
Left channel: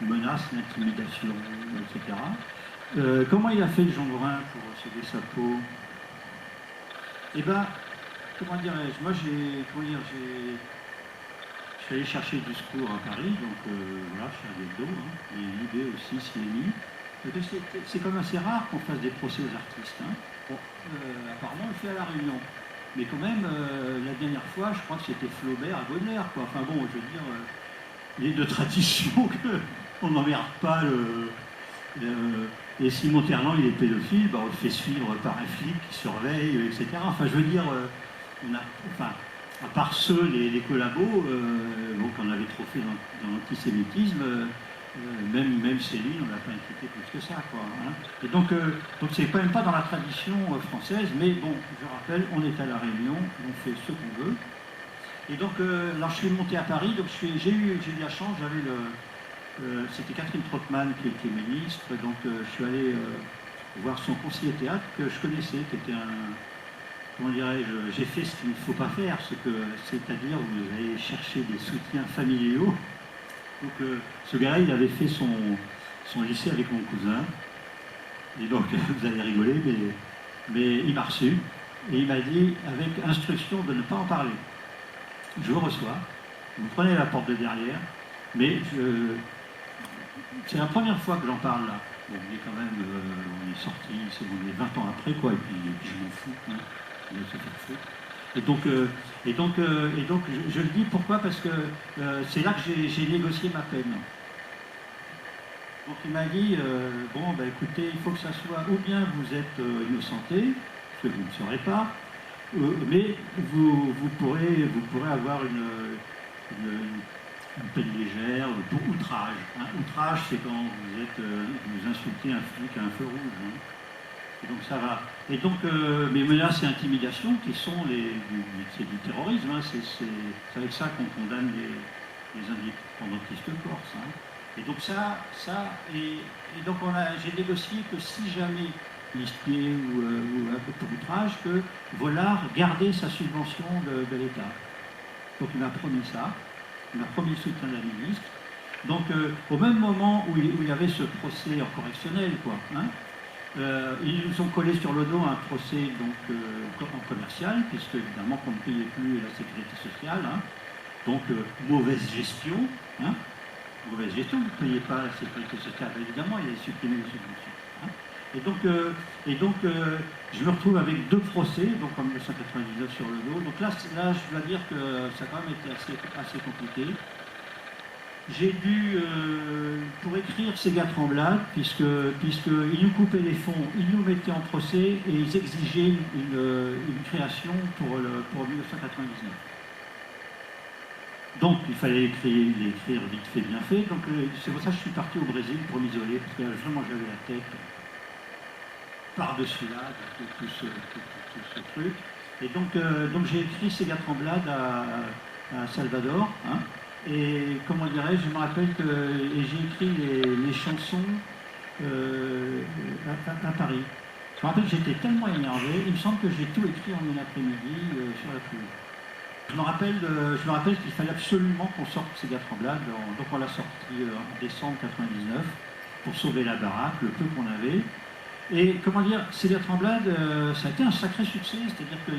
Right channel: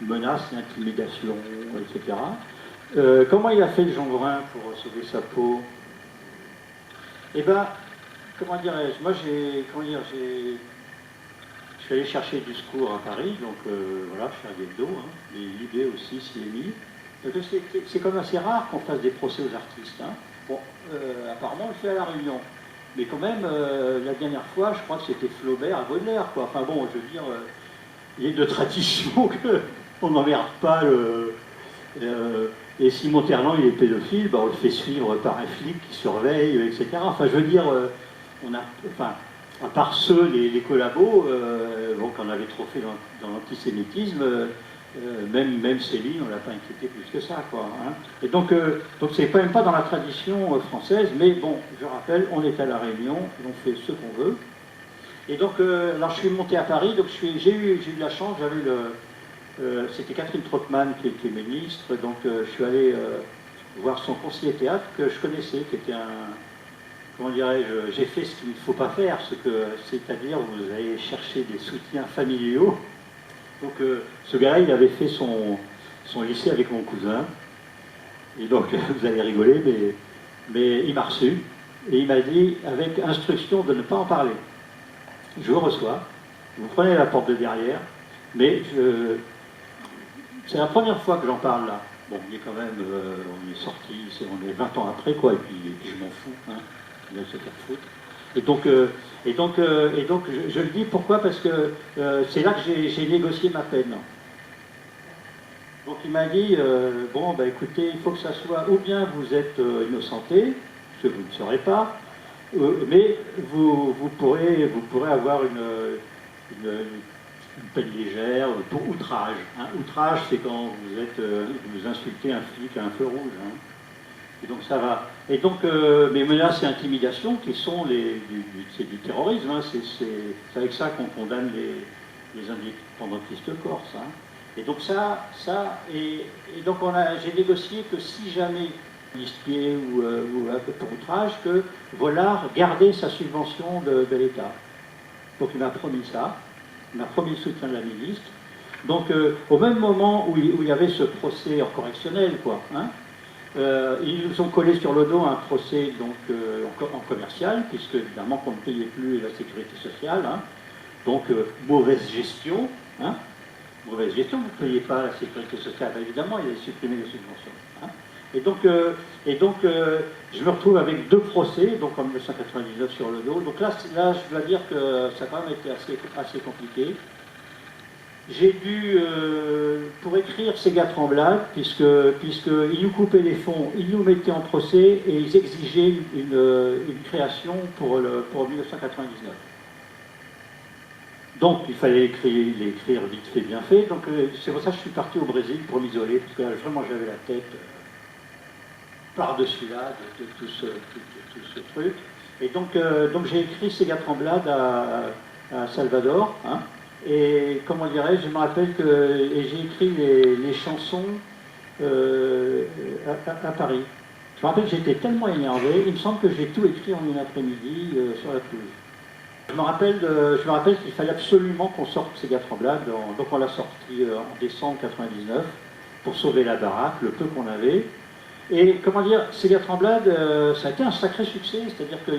menaces, intimidation, etc. Comment il a fait le Jean-Brun pour sauver sa peau? Eh bien, comment dirais-je? Moi, je suis allé chercher le discours à Paris, donc voilà, Charlie Hebdo, et Libé aussi, CNI. C'est quand même assez rare qu'on fasse des procès aux artistes. Bon, apparemment, on le fait à La Réunion. Mais quand même, la dernière fois, je crois que c'était Flaubert à Baudelaire, quoi. Enfin bon, je veux dire, il est de tradition qu'on n'emmerde pas et si Monterland il est pédophile, on le fait suivre par un flic qui surveille, etc. Enfin, je veux dire, à part ceux, les collabos, qu'on avait trop fait dans l'antisémitisme, même Céline, on ne l'a pas inquiété plus que ça, quoi. Et donc c'est quand même pas dans la tradition française, mais bon, je rappelle, on est à La Réunion, on fait ce qu'on veut. Et donc, là, je suis monté à Paris, donc j'ai eu de la chance, c'était Catherine Trottmann qui était ministre, donc je suis allé voir son conseiller théâtre que je connaissais, qui était comment dirais-je, j'ai fait ce qu'il ne faut pas faire, c'est-à-dire vous allez chercher des soutiens familiaux Donc ce gars-là, il avait fait son lycée avec mon cousin. Et donc, vous allez rigoler, mais il m'a reçu. Et il m'a dit, avec instruction de ne pas en parler. Je vous reçois, vous prenez la porte de derrière, mais c'est la première fois que j'en parle là. Bon, on est quand même, on est sorti, on est 20 ans après, quoi, et puis je m'en fous, hein, on va se faire foutre. Et donc je le dis pourquoi, parce que c'est là que j'ai négocié ma peine. Donc il m'a dit, bon, bah écoutez, il faut que ça soit, ou bien vous êtes innocenté, ce que vous ne serez pas, mais vous pourrez avoir une peine légère pour outrage. Hein. Outrage, c'est quand vous insultez un flic à un feu rouge. Hein. Et donc ça va. Et donc, mes menaces et intimidations, qui sont c'est du terrorisme, hein. C'est avec ça qu'on condamne les indépendantistes corses. Hein. Et donc et donc j'ai négocié que si jamais listier ou pour outrage, que Vollard gardait sa subvention de l'État. Donc il m'a promis ça, il m'a promis le soutien de la ministre. Donc au même moment où il y avait ce procès en correctionnel, quoi, hein, ils nous ont collé sur le dos un procès donc, en commercial, puisque évidemment qu'on ne payait plus la sécurité sociale, hein, donc mauvaise gestion, hein, mauvaise gestion, vous ne payez pas la sécurité sociale, évidemment, il a supprimé les subventions. Hein. Et donc je me retrouve avec 2 procès, donc en 1999 sur le dos. Donc là je dois dire que ça a quand même été assez compliqué. J'ai dû, pour écrire Sega Tremblade, puisqu'ils nous coupaient les fonds, ils nous mettaient en procès et ils exigeaient une création pour 1999. Donc il fallait l'écrire vite fait, bien fait. Donc c'est pour ça que je suis parti au Brésil pour m'isoler, parce que vraiment j'avais la tête par-dessus là de tout ce truc. Et donc j'ai écrit Sega Tremblade à Salvador. Hein, et comment dirais-je, je me rappelle que j'ai écrit les chansons à Paris. Je me rappelle que j'étais tellement énervé, il me semble que j'ai tout écrit en une après-midi sur la pelouse. Je me rappelle qu'il fallait absolument qu'on sorte Sega Tremblade, donc on l'a sorti en décembre 99 pour sauver la baraque, le peu qu'on avait. Et comment dire, Sega Tremblade, ça a été un sacré succès, c'est-à-dire que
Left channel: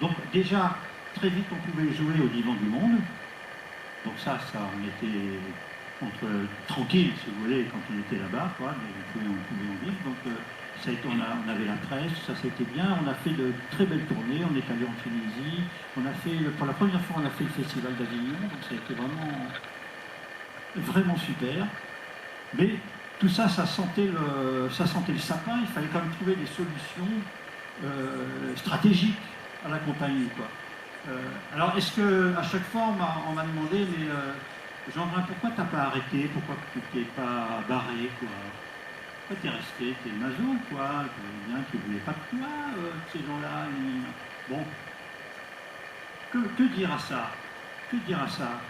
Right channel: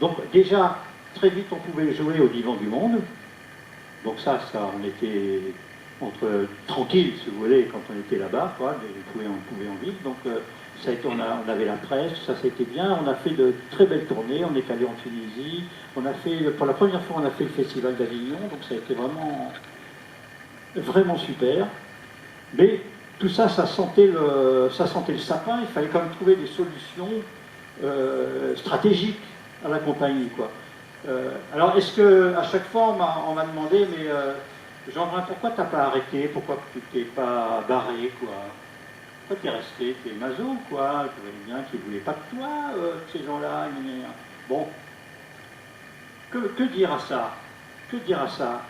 donc déjà très vite on pouvait jouer au Divan du Monde. Donc ça on était tranquille, si vous voulez, quand on était là-bas, quoi, on pouvait en vivre. Donc ça a été, on avait la presse, ça c'était bien. On a fait de très belles tournées. On est allé en Tunisie. Pour la première fois, on a fait le festival d'Avignon. Donc ça a été vraiment super. Mais tout ça, ça sentait le sapin. Il fallait quand même trouver des solutions stratégiques à la compagnie, quoi. Alors, est-ce que à chaque fois on m'a demandé, mais Jean-Brun, pourquoi t'as pas arrêté? Pourquoi tu t'es pas barré, quoi? Pourquoi t'es resté? T'es maso, quoi? Tu voulais bien, tu voulais pas de toi, ces gens-là. Bon, que dire à ça? Que dire à ça?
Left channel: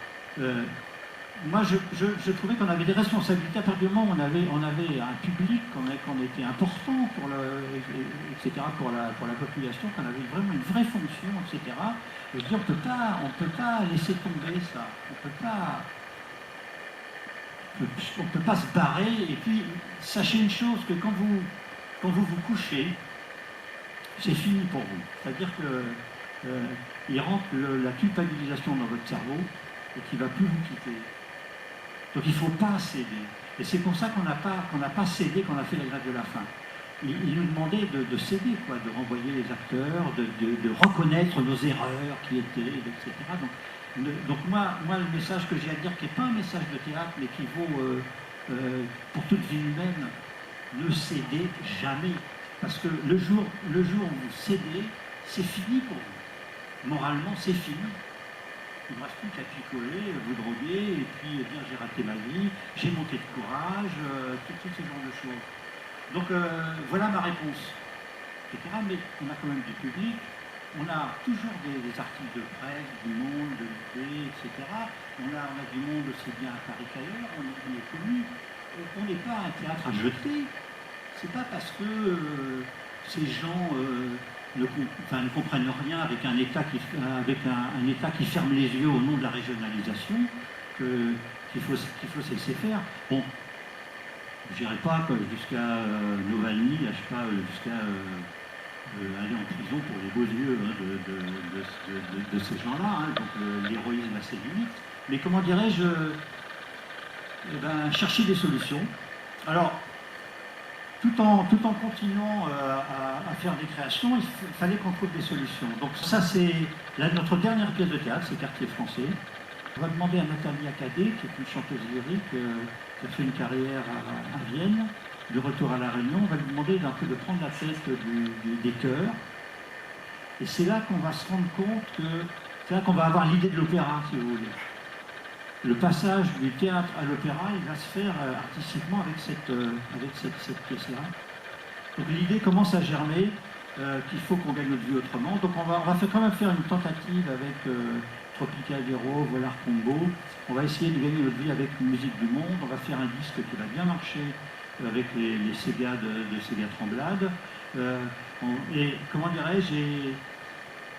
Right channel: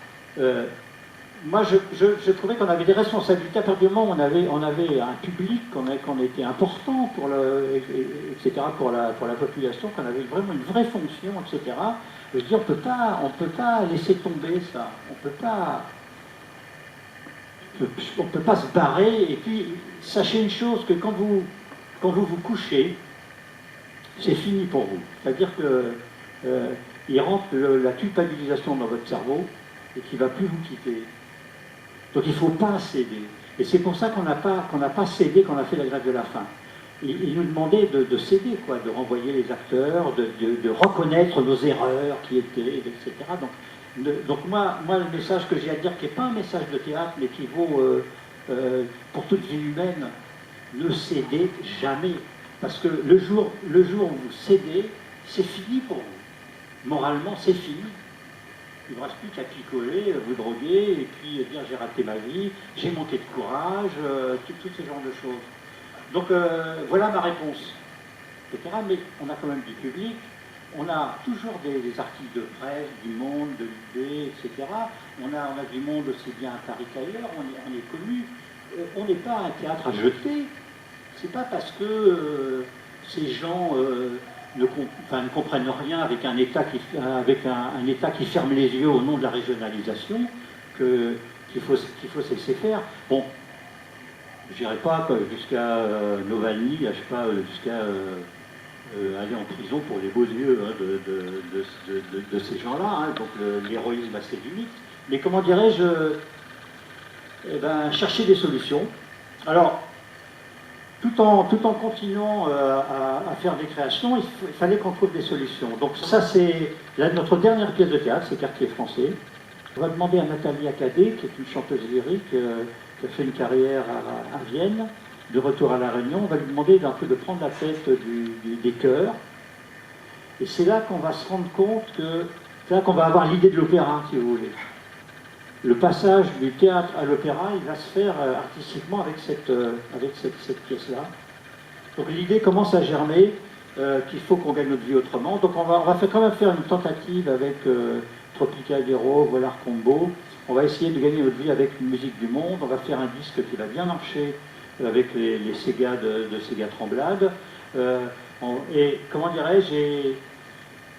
Moi, je trouvais qu'on avait des responsabilités. À partir du moment où on avait un public, qu'on était important etc., pour la population, qu'on avait vraiment une vraie fonction, etc. Je veux dire, on peut pas laisser tomber ça. On peut pas se barrer. Et puis, sachez une chose, que quand vous couchez, c'est fini pour vous. C'est-à-dire que il rentre la culpabilisation dans votre cerveau et qui ne va plus vous quitter. Donc il ne faut pas céder. Et c'est pour ça qu'on n'a pas cédé quand on a fait la grève de la faim. Il nous demandait de céder, quoi, de renvoyer les acteurs, de reconnaître nos erreurs qui étaient, etc. Donc moi, le message que j'ai à dire, qui n'est pas un message de théâtre, mais qui vaut pour toute vie humaine, ne cédez jamais. Parce que le jour où vous cédez, c'est fini pour vous. Moralement, c'est fini. Il ne vous reste plus qu'à picoler, vous droguer, et puis dire j'ai raté ma vie, j'ai manqué de courage, tout ce genre de choses. Donc voilà ma réponse, etc. Mais on a quand même du public, on a toujours des articles de presse, du Monde, de l'ID, etc. On a du Monde aussi bien à Paris qu'ailleurs, on est connu. On n'est pas un théâtre à jeter. C'est pas parce que ces gens ne comprennent rien avec un État qui ferme les yeux au nom de la régionalisation qu'il faut se laisser faire. Bon, je n'irai pas jusqu'à Novani, je sais pas, jusqu'à aller en prison pour les beaux yeux hein, de ces gens-là, hein, donc l'héroïsme a ses limites. Mais comment dirais-je, chercher des solutions. Alors, tout en continuant à faire des créations, il fallait qu'on trouve des solutions. Donc ça, c'est notre dernière pièce de théâtre, c'est Quartier français. On va demander à Nathalie Acadé, qui est une chanteuse lyrique, qui a fait une carrière à Vienne, de retour à La Réunion, on va lui demander d'un peu de prendre la tête des chœurs. Et c'est là qu'on va se rendre compte que, c'est là qu'on va avoir l'idée de l'opéra, si vous voulez. Le passage du théâtre à l'opéra, il va se faire artistiquement avec cette pièce-là. Donc l'idée commence à germer qu'il faut qu'on gagne notre vie autrement. Donc on va quand même faire une tentative avec Tropicadero, Volar Combo. On va essayer de gagner notre vie avec une musique du monde. On va faire un disque qui va bien marcher avec les Sega de Sega Tremblade. Et comment dirais-je,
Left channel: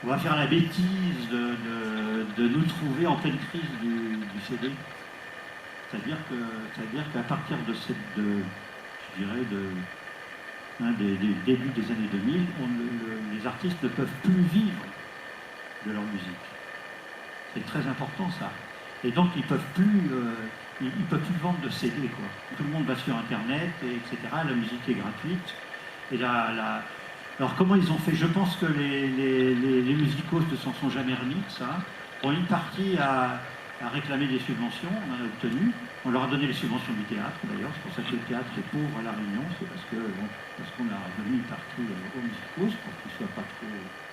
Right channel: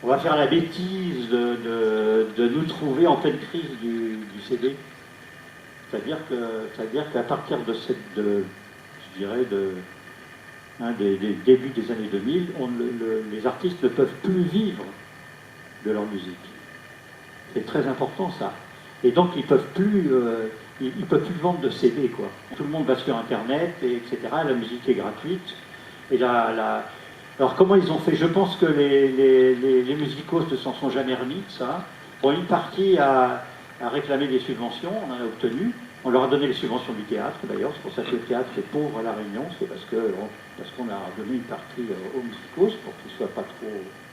on va faire la bêtise de nous trouver en pleine crise du CD. C'est-à-dire qu'à partir des débuts des années 2000, les artistes ne peuvent plus vivre de leur musique. C'est très important ça. Et donc ils peuvent plus vendre de CD, quoi. Tout le monde va sur Internet, etc. La musique est gratuite. Et alors comment ils ont fait? Je pense que les musicos ne s'en sont jamais remis de ça. Bon, une partie a réclamé des subventions, on en a obtenu. On leur a donné les subventions du théâtre d'ailleurs, c'est pour ça que le théâtre c'est pauvre à La Réunion, c'est parce qu'on a donné une partie aux musicos pour qu'ils ne soient pas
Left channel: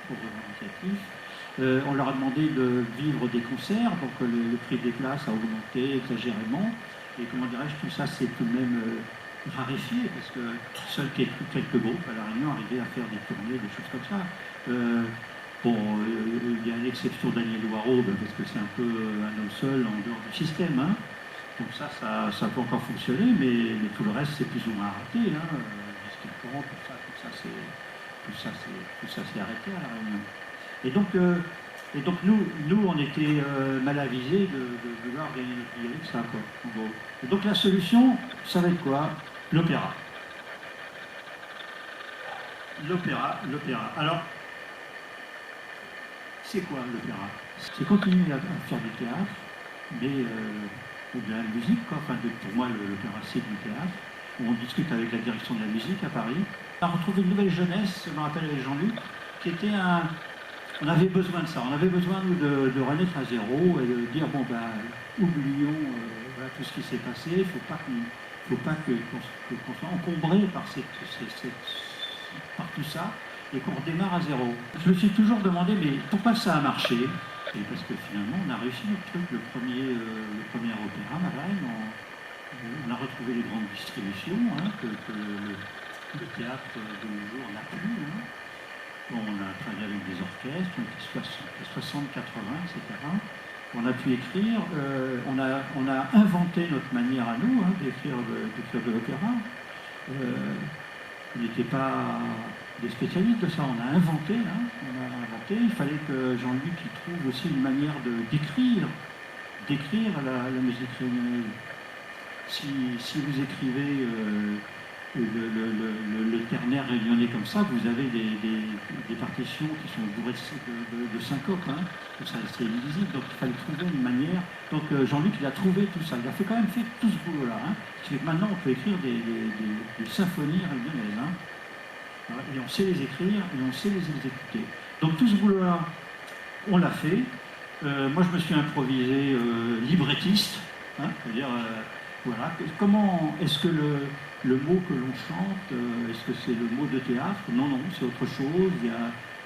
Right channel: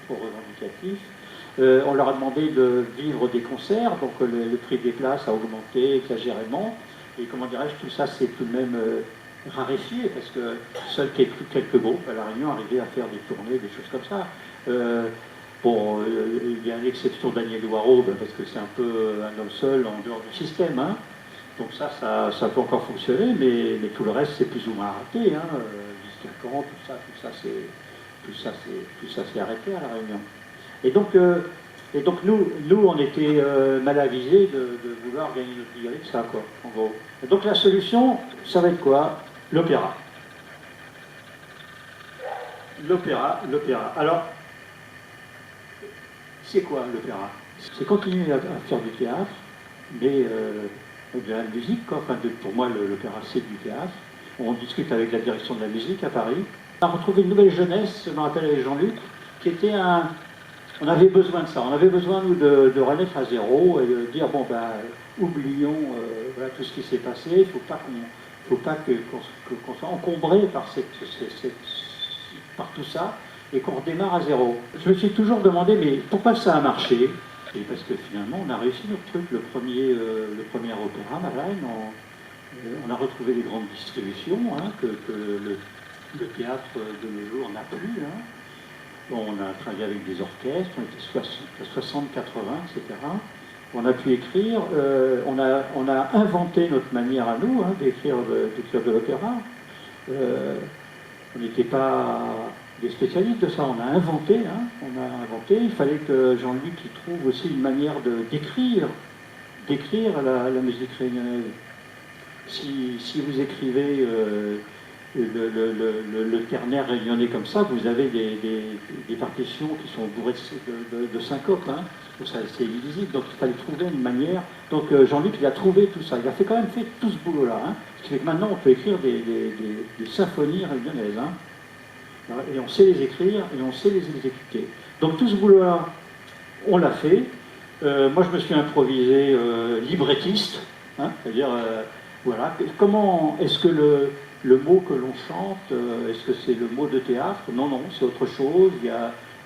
trop revendicatifs. On leur a demandé de vivre des concerts, donc le prix des places a augmenté exagérément. Et comment dirais-je, tout ça c'est tout de même raréfié, parce que seuls quelques groupes à La Réunion arrivaient à faire des tournées, des choses comme ça. Il y a l'exception Daniel Loireau, parce que c'est un peu un homme seul en dehors du système. Hein. Donc ça peut encore fonctionner, mais tout le reste c'est plus ou moins arrêté. Hein. Disque tout ça c'est arrêté à La Réunion. Et donc nous on était mal avisés de vouloir gagner notre vie avec ça, quoi, en gros. Et donc la solution, ça va être quoi? L'opéra. L'opéra. Alors, c'est quoi l'opéra? C'est continuer à faire du théâtre, mais de la musique, quoi. Enfin, pour moi, l'opéra, c'est du théâtre. On discute avec la direction de la musique à Paris. On a retrouvé une nouvelle jeunesse, je me rappelle avec Jean-Luc, qui était on avait besoin de ça. On avait besoin, nous, de renaître à zéro et de dire, oublions voilà, tout ce qui s'est passé. Il ne faut pas qu'on soit encombré par tout ça et qu'on redémarre à zéro. Je me suis toujours demandé, mais pourquoi ça a marché? Et parce que finalement, on a réussi notre truc. Le premier opéra, Madeleine, on a retrouvé les grandes distributions, hein, que le théâtre de nos jours n'a plus. Hein. On a travaillé avec des orchestres, on était 60, 80, etc. On a pu écrire, on a inventé notre manière à nous d'écrire de l'opéra. On n'était pas des spécialistes de ça, on a inventé. Il fallait que Jean-Luc trouve aussi une manière d'écrire la musique réunionnaise. Si vous écrivez le ternaire réunionnais comme ça, vous avez des partitions qui sont bourrées de syncopes. Hein. C'est illisible, donc il fallait trouver une manière. Donc Jean-Luc, il a trouvé tout ça. Il a quand même fait tout ce boulot-là. Hein. Ce qui fait que maintenant, on peut écrire des symphonies réunionnaises. Hein. Voilà. Et on sait les écrire et on sait les exécuter. Donc tout ce boulot-là, on l'a fait. Moi, je me suis improvisé librettiste. Hein, c'est-à-dire, voilà. Comment est-ce que le mot que l'on chante, est-ce que c'est le mot de théâtre? Non, c'est autre chose.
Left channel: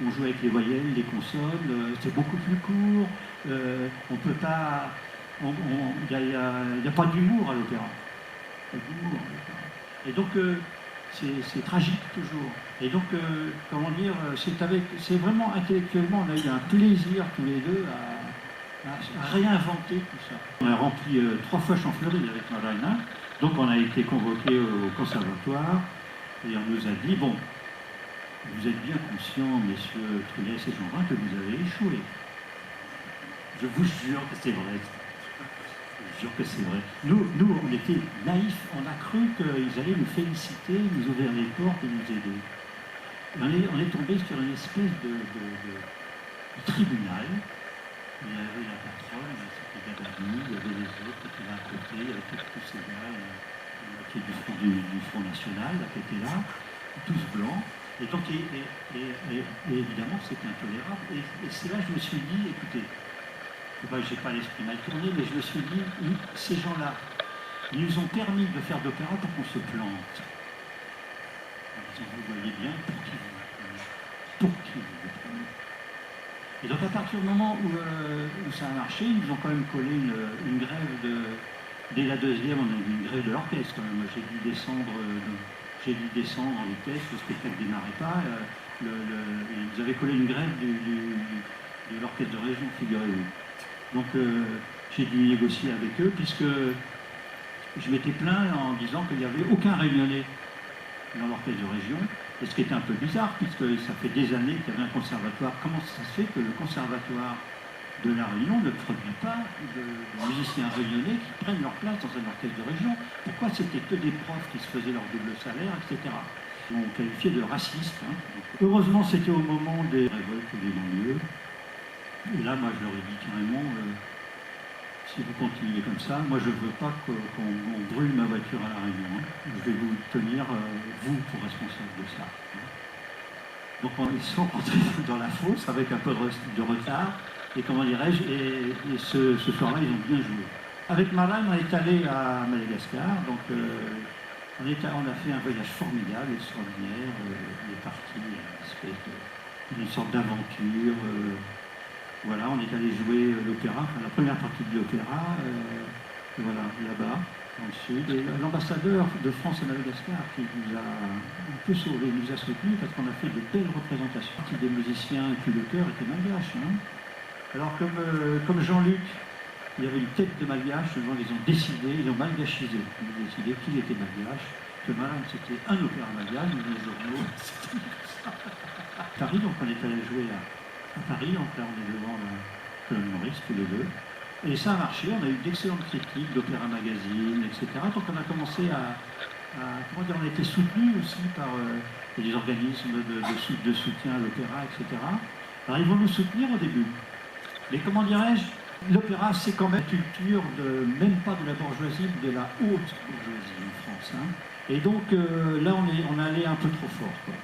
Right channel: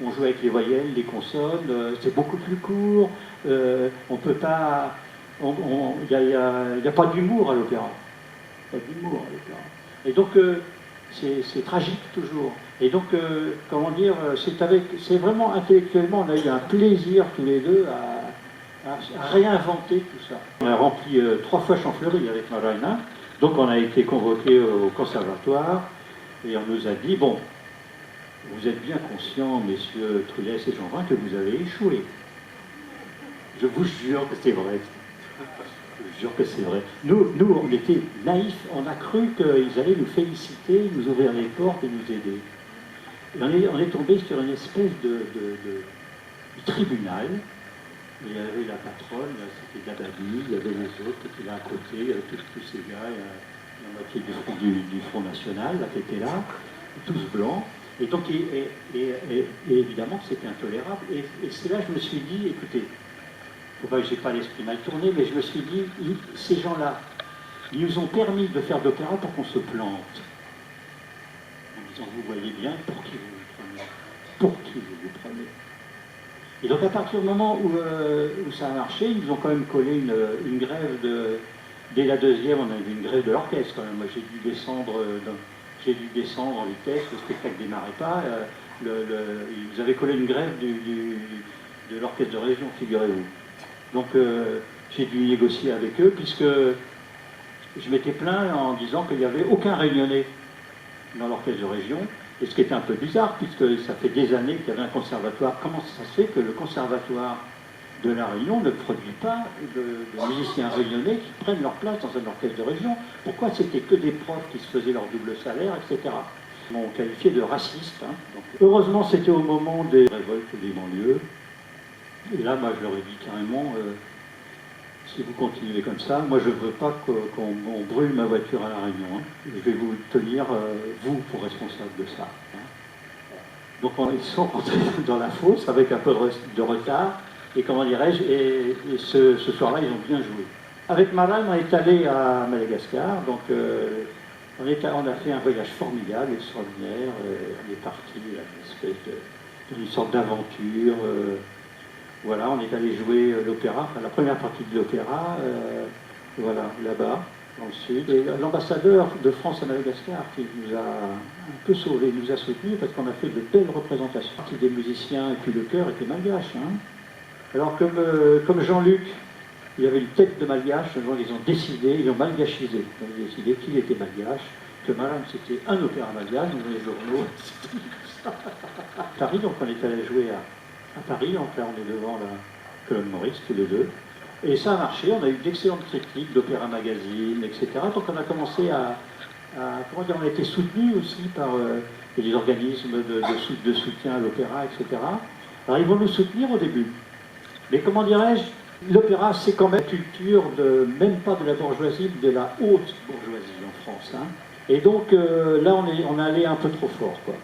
On joue avec les voyelles, les consonnes, c'est beaucoup plus court. On peut pas. Il n'y a pas d'humour à l'opéra. Il y a de l'humour à l'opéra. Et donc, c'est tragique toujours. Et donc, comment dire, c'est vraiment intellectuellement, on a eu un plaisir tous les deux à réinventer tout ça. On a rempli 3 fois Champfleury avec Madeleine. Donc on a été convoqués au conservatoire et on nous a dit, bon, vous êtes bien conscients, messieurs Truyès et Jeanbrun, que vous avez échoué. Je vous jure que c'est vrai. Je vous jure que c'est vrai. Nous, on était naïfs, on a cru qu'ils allaient nous féliciter, nous ouvrir les portes et nous aider. Et on est tombé sur une espèce de tribunal. Il y avait la patronne, c'était Dabadi, il y avait les autres qui étaient là à côté, il y avait tous ces gars, la moitié du Front National là, qui étaient là, tous blancs. Et donc, et évidemment, c'était intolérable. Et c'est là que je me suis dit, écoutez, je n'ai pas l'esprit mal tourné, mais je me suis dit, ces gens-là, ils nous ont permis de faire d'opéra pour qu'on se plante. En disant, vous voyez bien, pour qui vous vous prenez. Pour qui vous vous prenez. Et donc, à partir du moment où ça a marché, ils ont quand même collé une grève dès la deuxième, on a eu une grève de l'orchestre quand même. J'ai dû descendre en vitesse, le spectacle ne démarrait pas. Ils avaient collé une grève de l'orchestre de région, figurez-vous. Donc j'ai dû négocier avec eux, puisque je m'étais plaint en disant qu'il n'y avait aucun réunionnais dans l'orchestre de région, et ce qui était un peu bizarre, puisque ça fait des années qu'il y avait un conservatoire. Comment ça se fait que le conservatoire de la Réunion ne produit pas de musiciens réunionnais qui prennent leur place dans un orchestre de région? Pourquoi c'était que des profs qui se faisaient leur double salaire, etc. Ils m'ont qualifié de raciste. Hein. Donc, heureusement, c'était au moment des révoltes des banlieues. Et là, moi, je leur ai dit carrément, si vous continuez comme ça, moi, je ne veux pas qu'on brûle ma voiture à La Réunion. Hein. Je vais vous tenir, vous, pour responsable de ça. Hein. Donc, ils sont rentrés dans la fosse avec un peu de retard. Et comment dirais-je, et ce soir-là, ils ont bien joué. Avec Malan, on est allé à Madagascar, donc on a fait un voyage formidable, extraordinaire. On est parti à une sorte d'aventure. Voilà, on est allé jouer l'opéra, enfin, la première partie de l'opéra, voilà, là-bas, dans le sud. Et l'ambassadeur de France à Madagascar qui nous a un peu sauvés, nous a soutenus parce qu'on a fait de belles représentations. Des musiciens et puis le chœur était malgache. Hein. Alors comme Jean-Luc, il y avait une tête de malgache, donc ils ont décidé, ils ont malgachisé. Ils ont décidé qu'il était malgache, que Madame c'était un opéra malgache, dans les journaux. À Paris, donc on est allé jouer à Paris, donc là on est devant la colonne Maurice, tous les deux. Et ça a marché, on a eu d'excellentes critiques d'Opéra Magazine, etc. Donc on a commencé comment dire, on a été soutenu aussi par les organismes de soutien à l'opéra, etc. Alors ils vont nous soutenir au début. Mais comment dirais-je, l'opéra, c'est quand même une culture même pas de la bourgeoisie, mais de la haute bourgeoisie en France. Hein. Et donc là, on est allé un peu trop fort, quoi.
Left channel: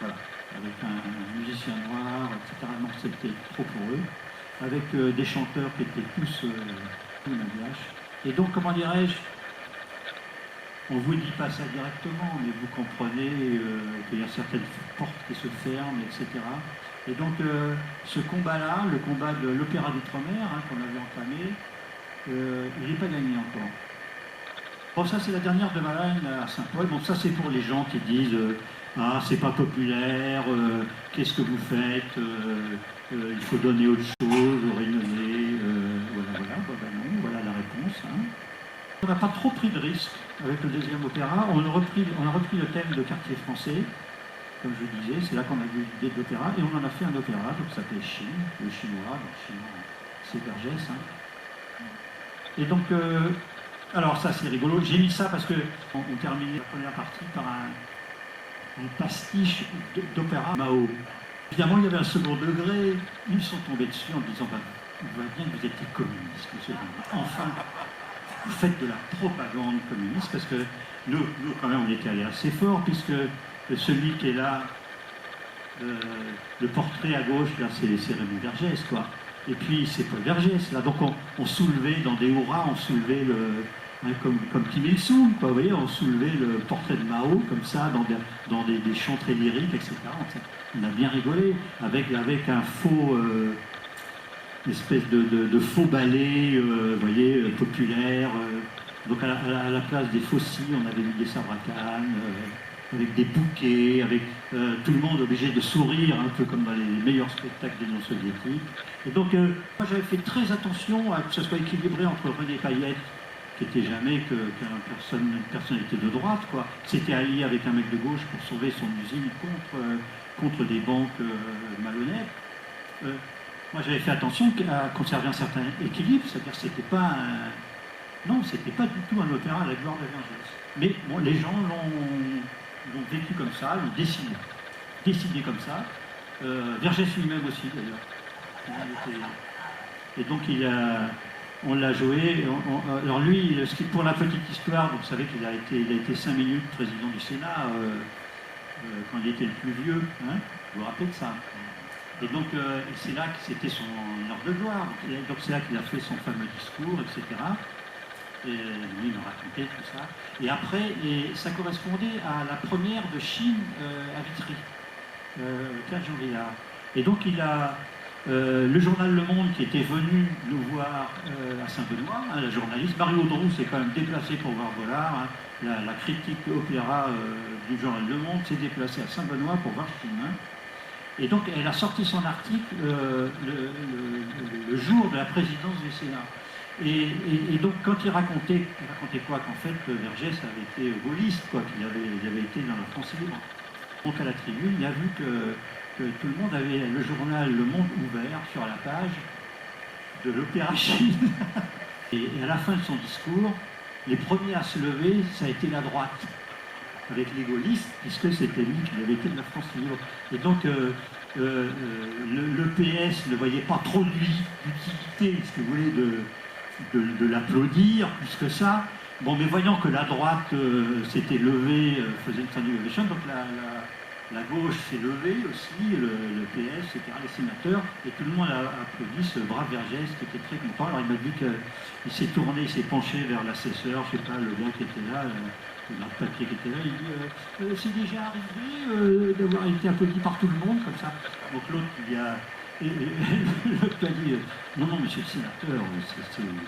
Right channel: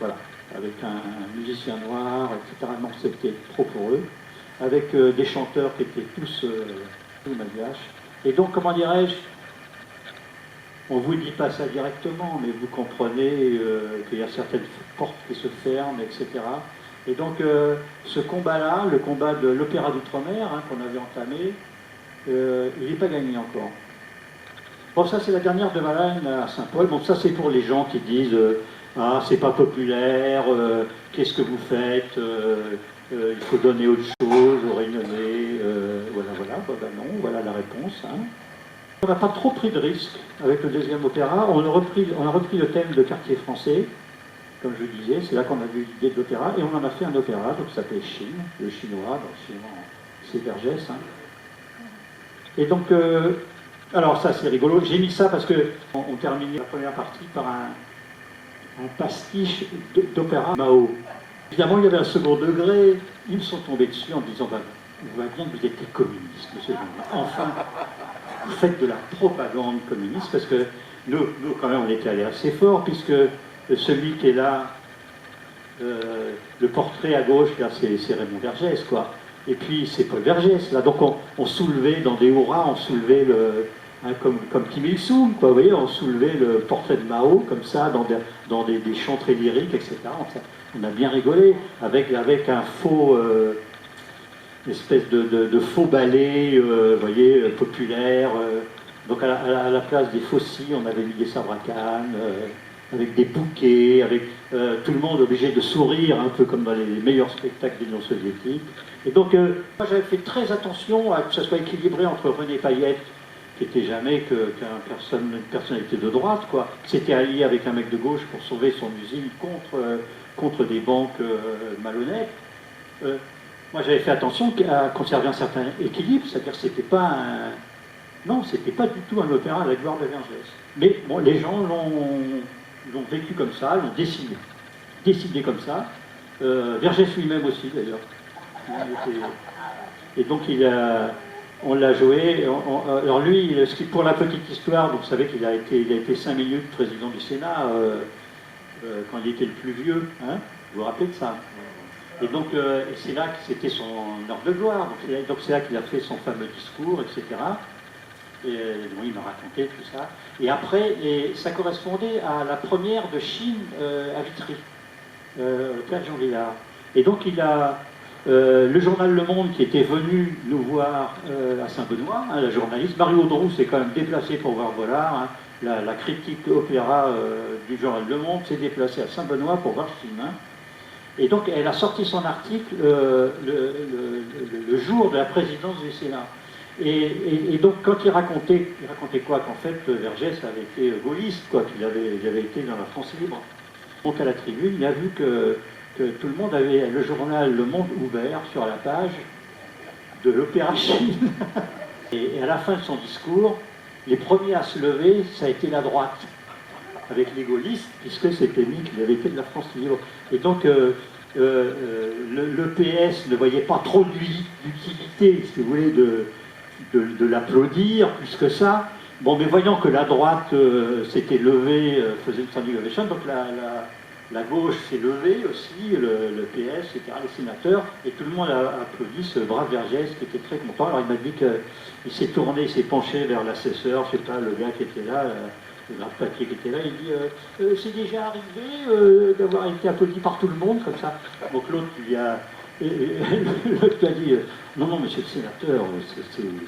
Voilà, avec un musicien noir, etc. Non, c'était trop pour eux. Avec des chanteurs qui étaient tous malgaches. Et donc, comment dirais-je, on ne vous dit pas ça directement, mais vous comprenez qu'il y a certaines portes qui se ferment, etc. Et donc, ce combat-là, le combat de l'opéra d'outre-mer, hein, qu'on avait entamé, il n'est pas gagné encore. Bon, ça, c'est la dernière de Malane à Saint-Paul. Bon, ça, c'est pour les gens qui disent ah, c'est pas populaire, qu'est-ce que vous faites, il faut donner autre chose aux Réunionnais, voilà. Ben non, voilà la réponse. Hein. On n'a pas trop pris de risques avec le deuxième opéra. On a repris le thème de Quartier français. Comme je disais, c'est là qu'on a vu l'idée de l'opéra, et on en a fait un opéra, donc ça s'appelle Chine, le chinois, donc chinois, c'est Vergès. Hein. Et donc, alors ça c'est rigolo, j'ai mis ça parce qu'on terminait la première partie par un pastiche d'opéra Mao. Évidemment, il y avait un second degré, ils sont tombés dessus en disant, bah, on voit bien que vous êtes communiste, monsieur. Enfin, vous faites de la propagande communiste, parce que nous quand même, on était allés assez fort, puisque celui qui est là, le portrait à gauche, là, c'est Raymond Vergès, quoi. Et puis, c'est Paul Vergès, là. Donc, on soulevait dans des hurrahs, on soulevait comme Kim Il-sung, quoi. Vous voyez, on soulevait le portrait de Mao, comme ça, dans des chants très lyriques, etc. On a bien rigolé, avec un faux, une espèce de faux ballet, vous voyez, populaire. Donc, à la place des faucils, on avait mis des sabres à canne, avec des bouquets, avec tout le monde obligé de sourire, un peu comme dans les meilleurs spectacles de l'Union soviétique. Et donc, moi j'avais fait très attention à que ce soit équilibré entre René Payette, qui n'était jamais une personnalité de droite, quoi, qui s'était allié avec un mec de gauche pour sauver son usine contre des banques malhonnêtes. moi j'avais fait attention à conserver un certain équilibre, c'est-à-dire que c'était pas un... Non, c'était pas du tout un opéra à la gloire de Vergès. Mais bon, les gens l'ont vécu comme ça, l'ont décidé comme ça. Vergès lui-même aussi d'ailleurs. Et donc on l'a joué. Alors lui, pour la petite histoire, vous savez qu'il a été 5 minutes président du Sénat quand il était le plus vieux. Hein, vous vous rappelez de ça? Et donc c'est là que c'était son heure de gloire. Donc c'est là qu'il a fait son fameux discours, etc. Et oui, il m'a raconté tout ça. Et après, ça correspondait à la première de Chine à Vitry, 4 janvier. Et donc il a le journal Le Monde qui était venu nous voir à Saint-Benoît, hein, la journaliste Marie Audroux s'est quand même déplacée pour voir Vollard. Hein, la critique opéra du journal Le Monde s'est déplacée à Saint-Benoît pour voir Chine. Hein. Et donc elle a sorti son article le jour de la présidence du Sénat. Et donc quand il racontait quoi? Qu'en fait Vergès avait été gaulliste, quoi, qu'il avait été dans la France libre. Donc à la tribune, il a vu que tout le monde avait le journal Le Monde ouvert sur la page de l'Opéra Chine. Et à la fin de son discours, les premiers à se lever, ça a été la droite, avec les gaullistes, puisque c'était lui qui avait été de la France libre. Et donc le PS ne voyait pas trop d'utilité, si vous voulez, de l'applaudir plus que ça. Bon, mais voyant que la droite s'était levée, faisait une fin du donc la gauche s'est levée aussi, le PS, etc., les sénateurs, et tout le monde a applaudi ce brave Vergès qui était très content. Alors il m'a dit qu'il s'est tourné, il s'est penché vers l'assesseur, je ne sais pas, le gars qui était là, le grave papier qui était là, il dit c'est déjà arrivé d'avoir été applaudi par tout le monde, comme ça. Donc l'autre, l'autre qui a dit non, monsieur le sénateur,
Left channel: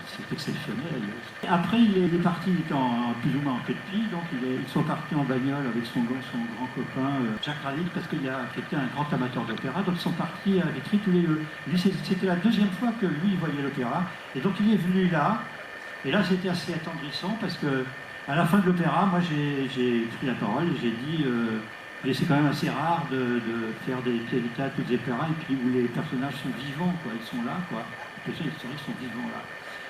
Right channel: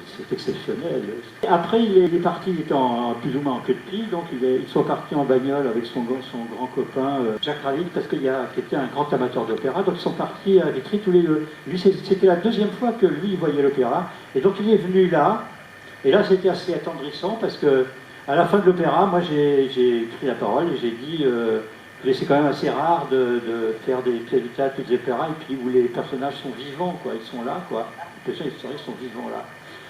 c'est exceptionnel. Après, il est parti, il était plus ou moins en queue de pie, donc ils sont partis en bagnole avec son grand copain Jacques Rallic, parce qui était un grand amateur d'opéra, donc ils sont partis à Vitry tous les deux. Lui, c'était la deuxième fois que lui, il voyait l'opéra, et donc il est venu là, et là c'était assez attendrissant, parce que à la fin de l'opéra, moi j'ai pris la parole et j'ai dit c'est quand même assez rare de faire des pièces de théâtre, des opéras, et puis où les personnages sont vivants, quoi, ils sont là, quoi. Les personnages historiques sont vivants là.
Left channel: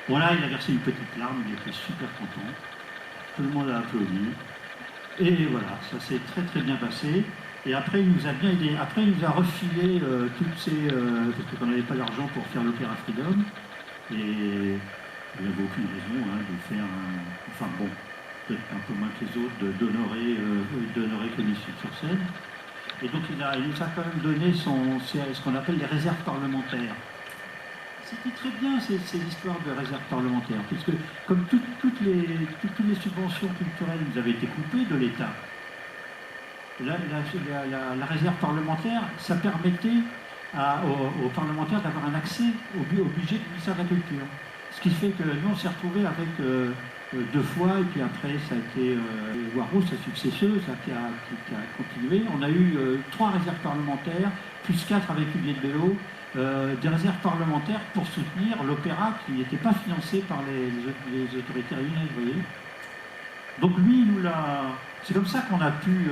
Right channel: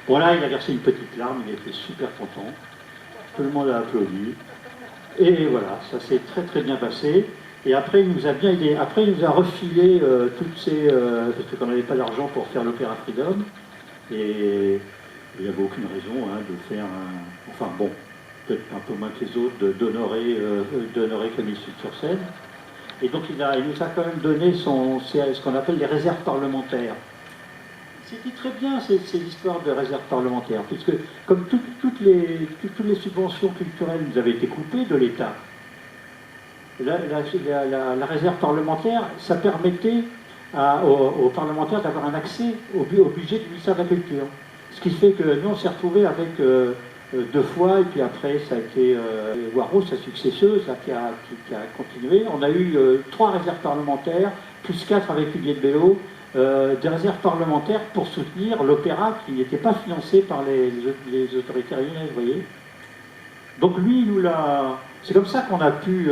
Bon là, il a versé une petite larme, il était super content. Tout le monde a applaudi. Et voilà, ça s'est très très bien passé. Et après, il nous a bien aidé. Après, il nous a refilé toutes ces... parce qu'on n'avait pas d'argent pour faire l'opéra Freedom. Et il n'y avait aucune raison de faire un... Enfin bon, peut-être un peu moins que les autres, d'honorer Camille sur scène. Et donc il nous a quand même donné ce qu'on appelle les réserves parlementaires. C'était très bien ces histoires de réserves parlementaires, puisque comme toutes les subventions culturelles nous avaient été coupées de l'État, la réserve parlementaire, ça permettait aux parlementaires d'avoir un accès au budget du ministère de la Culture. Ce qui fait que nous, on s'est retrouvés avec 2 fois, et puis après, ça a été Warros, sa successeuse, là, qui a continué. On a eu 3 réserves parlementaires, plus 4 avec Huguette Bello, des réserves parlementaires pour soutenir l'opéra qui n'était pas financé par les autorités réunionnaises, vous voyez. Donc lui, il nous l'a... C'est comme ça qu'on a pu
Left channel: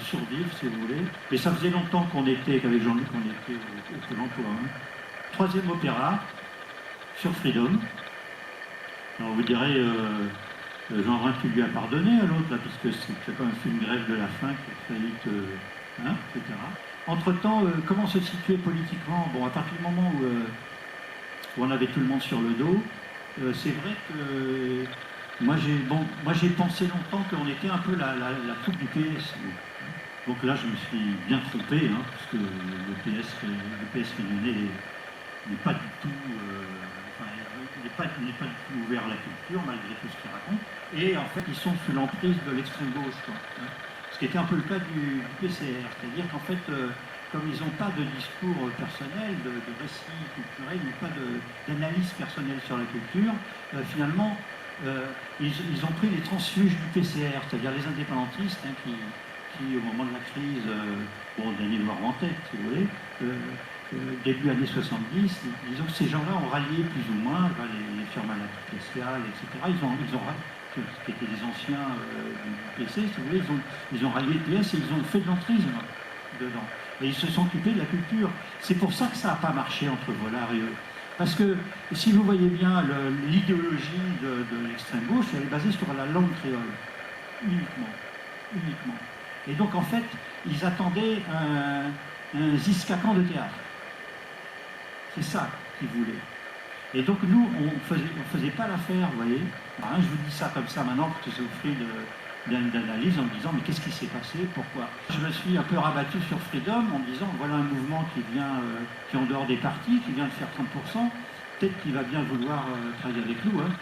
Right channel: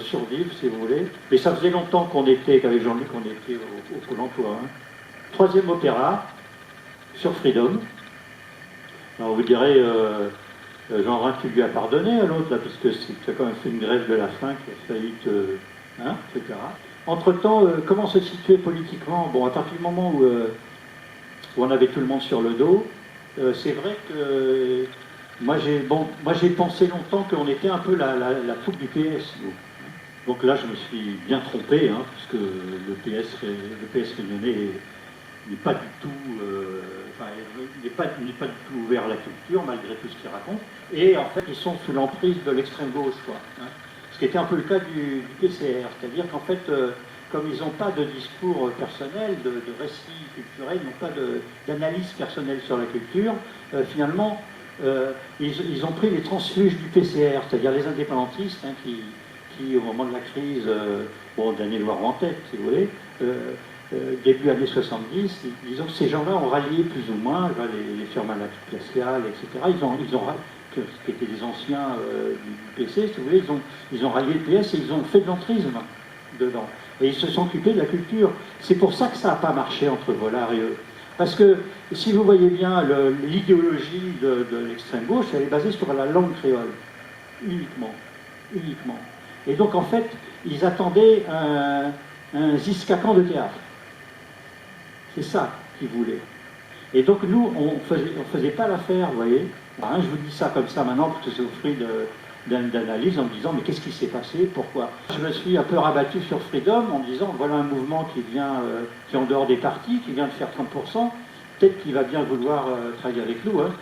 survivre, si vous voulez. Et ça faisait longtemps qu'on était, qu'avec Jean-Luc, on était au Pôle emploi. Hein. 3e opéra, sur Freedom. Alors vous direz, Jean Rhin, tu lui as pardonné à l'autre, là, puisque tu as quand même fait une grève de la faim qui a failli etc. Entre-temps, comment se situer politiquement? Bon, à partir du moment où on avait tout le monde sur le dos, c'est vrai que moi j'ai pensé longtemps qu'on était un peu la troupe du PS. Donc là, je me suis bien trompé, hein, parce que le PS réunionnais n'est pas du tout... il n'est pas du tout ouvert à la culture, malgré tout ce qu'il raconte. Et en fait, ils sont sous l'emprise de l'extrême gauche, quoi. Hein. Ce qui était un peu le cas du PCR. C'est-à-dire qu'en fait, comme ils n'ont pas de discours personnel, de récit culturel, ils n'ont pas d'analyse personnelle sur la culture, finalement, ils ont pris les transfuges du PCR, c'est-à-dire les indépendantistes, hein, qui, au moment de la crise, d'année noire en tête, si vous voulez, début années 70, disons que ces gens-là ont rallié plus ou moins, les Firmin Glacial, etc. Qui étaient des anciens du PC, si vous voulez, ils ont rallié le PS et ils ont fait de l'entrisme dedans. Et ils se sont occupés de la culture. C'est pour ça que ça n'a pas marché entre Vollard et eux. Parce que, si vous voyez bien, l'idéologie de l'extrême gauche, elle est basée sur la langue créole. Uniquement. Uniquement. Et donc, en fait, ils attendaient un Giscacan de théâtre. C'est ça qu'ils voulaient. Et donc, nous, on faisait pas l'affaire, vous voyez. Ben, je vous dis ça comme ça maintenant pour que vous souffrez d'analyse en me disant mais qu'est-ce qui s'est passé, pourquoi. Je me suis un peu rabattu sur Freedom en disant voilà un mouvement qui vient, qui est en dehors des partis, qui vient de faire 30%, peut-être qu'il va bien vouloir travailler avec nous. Hein.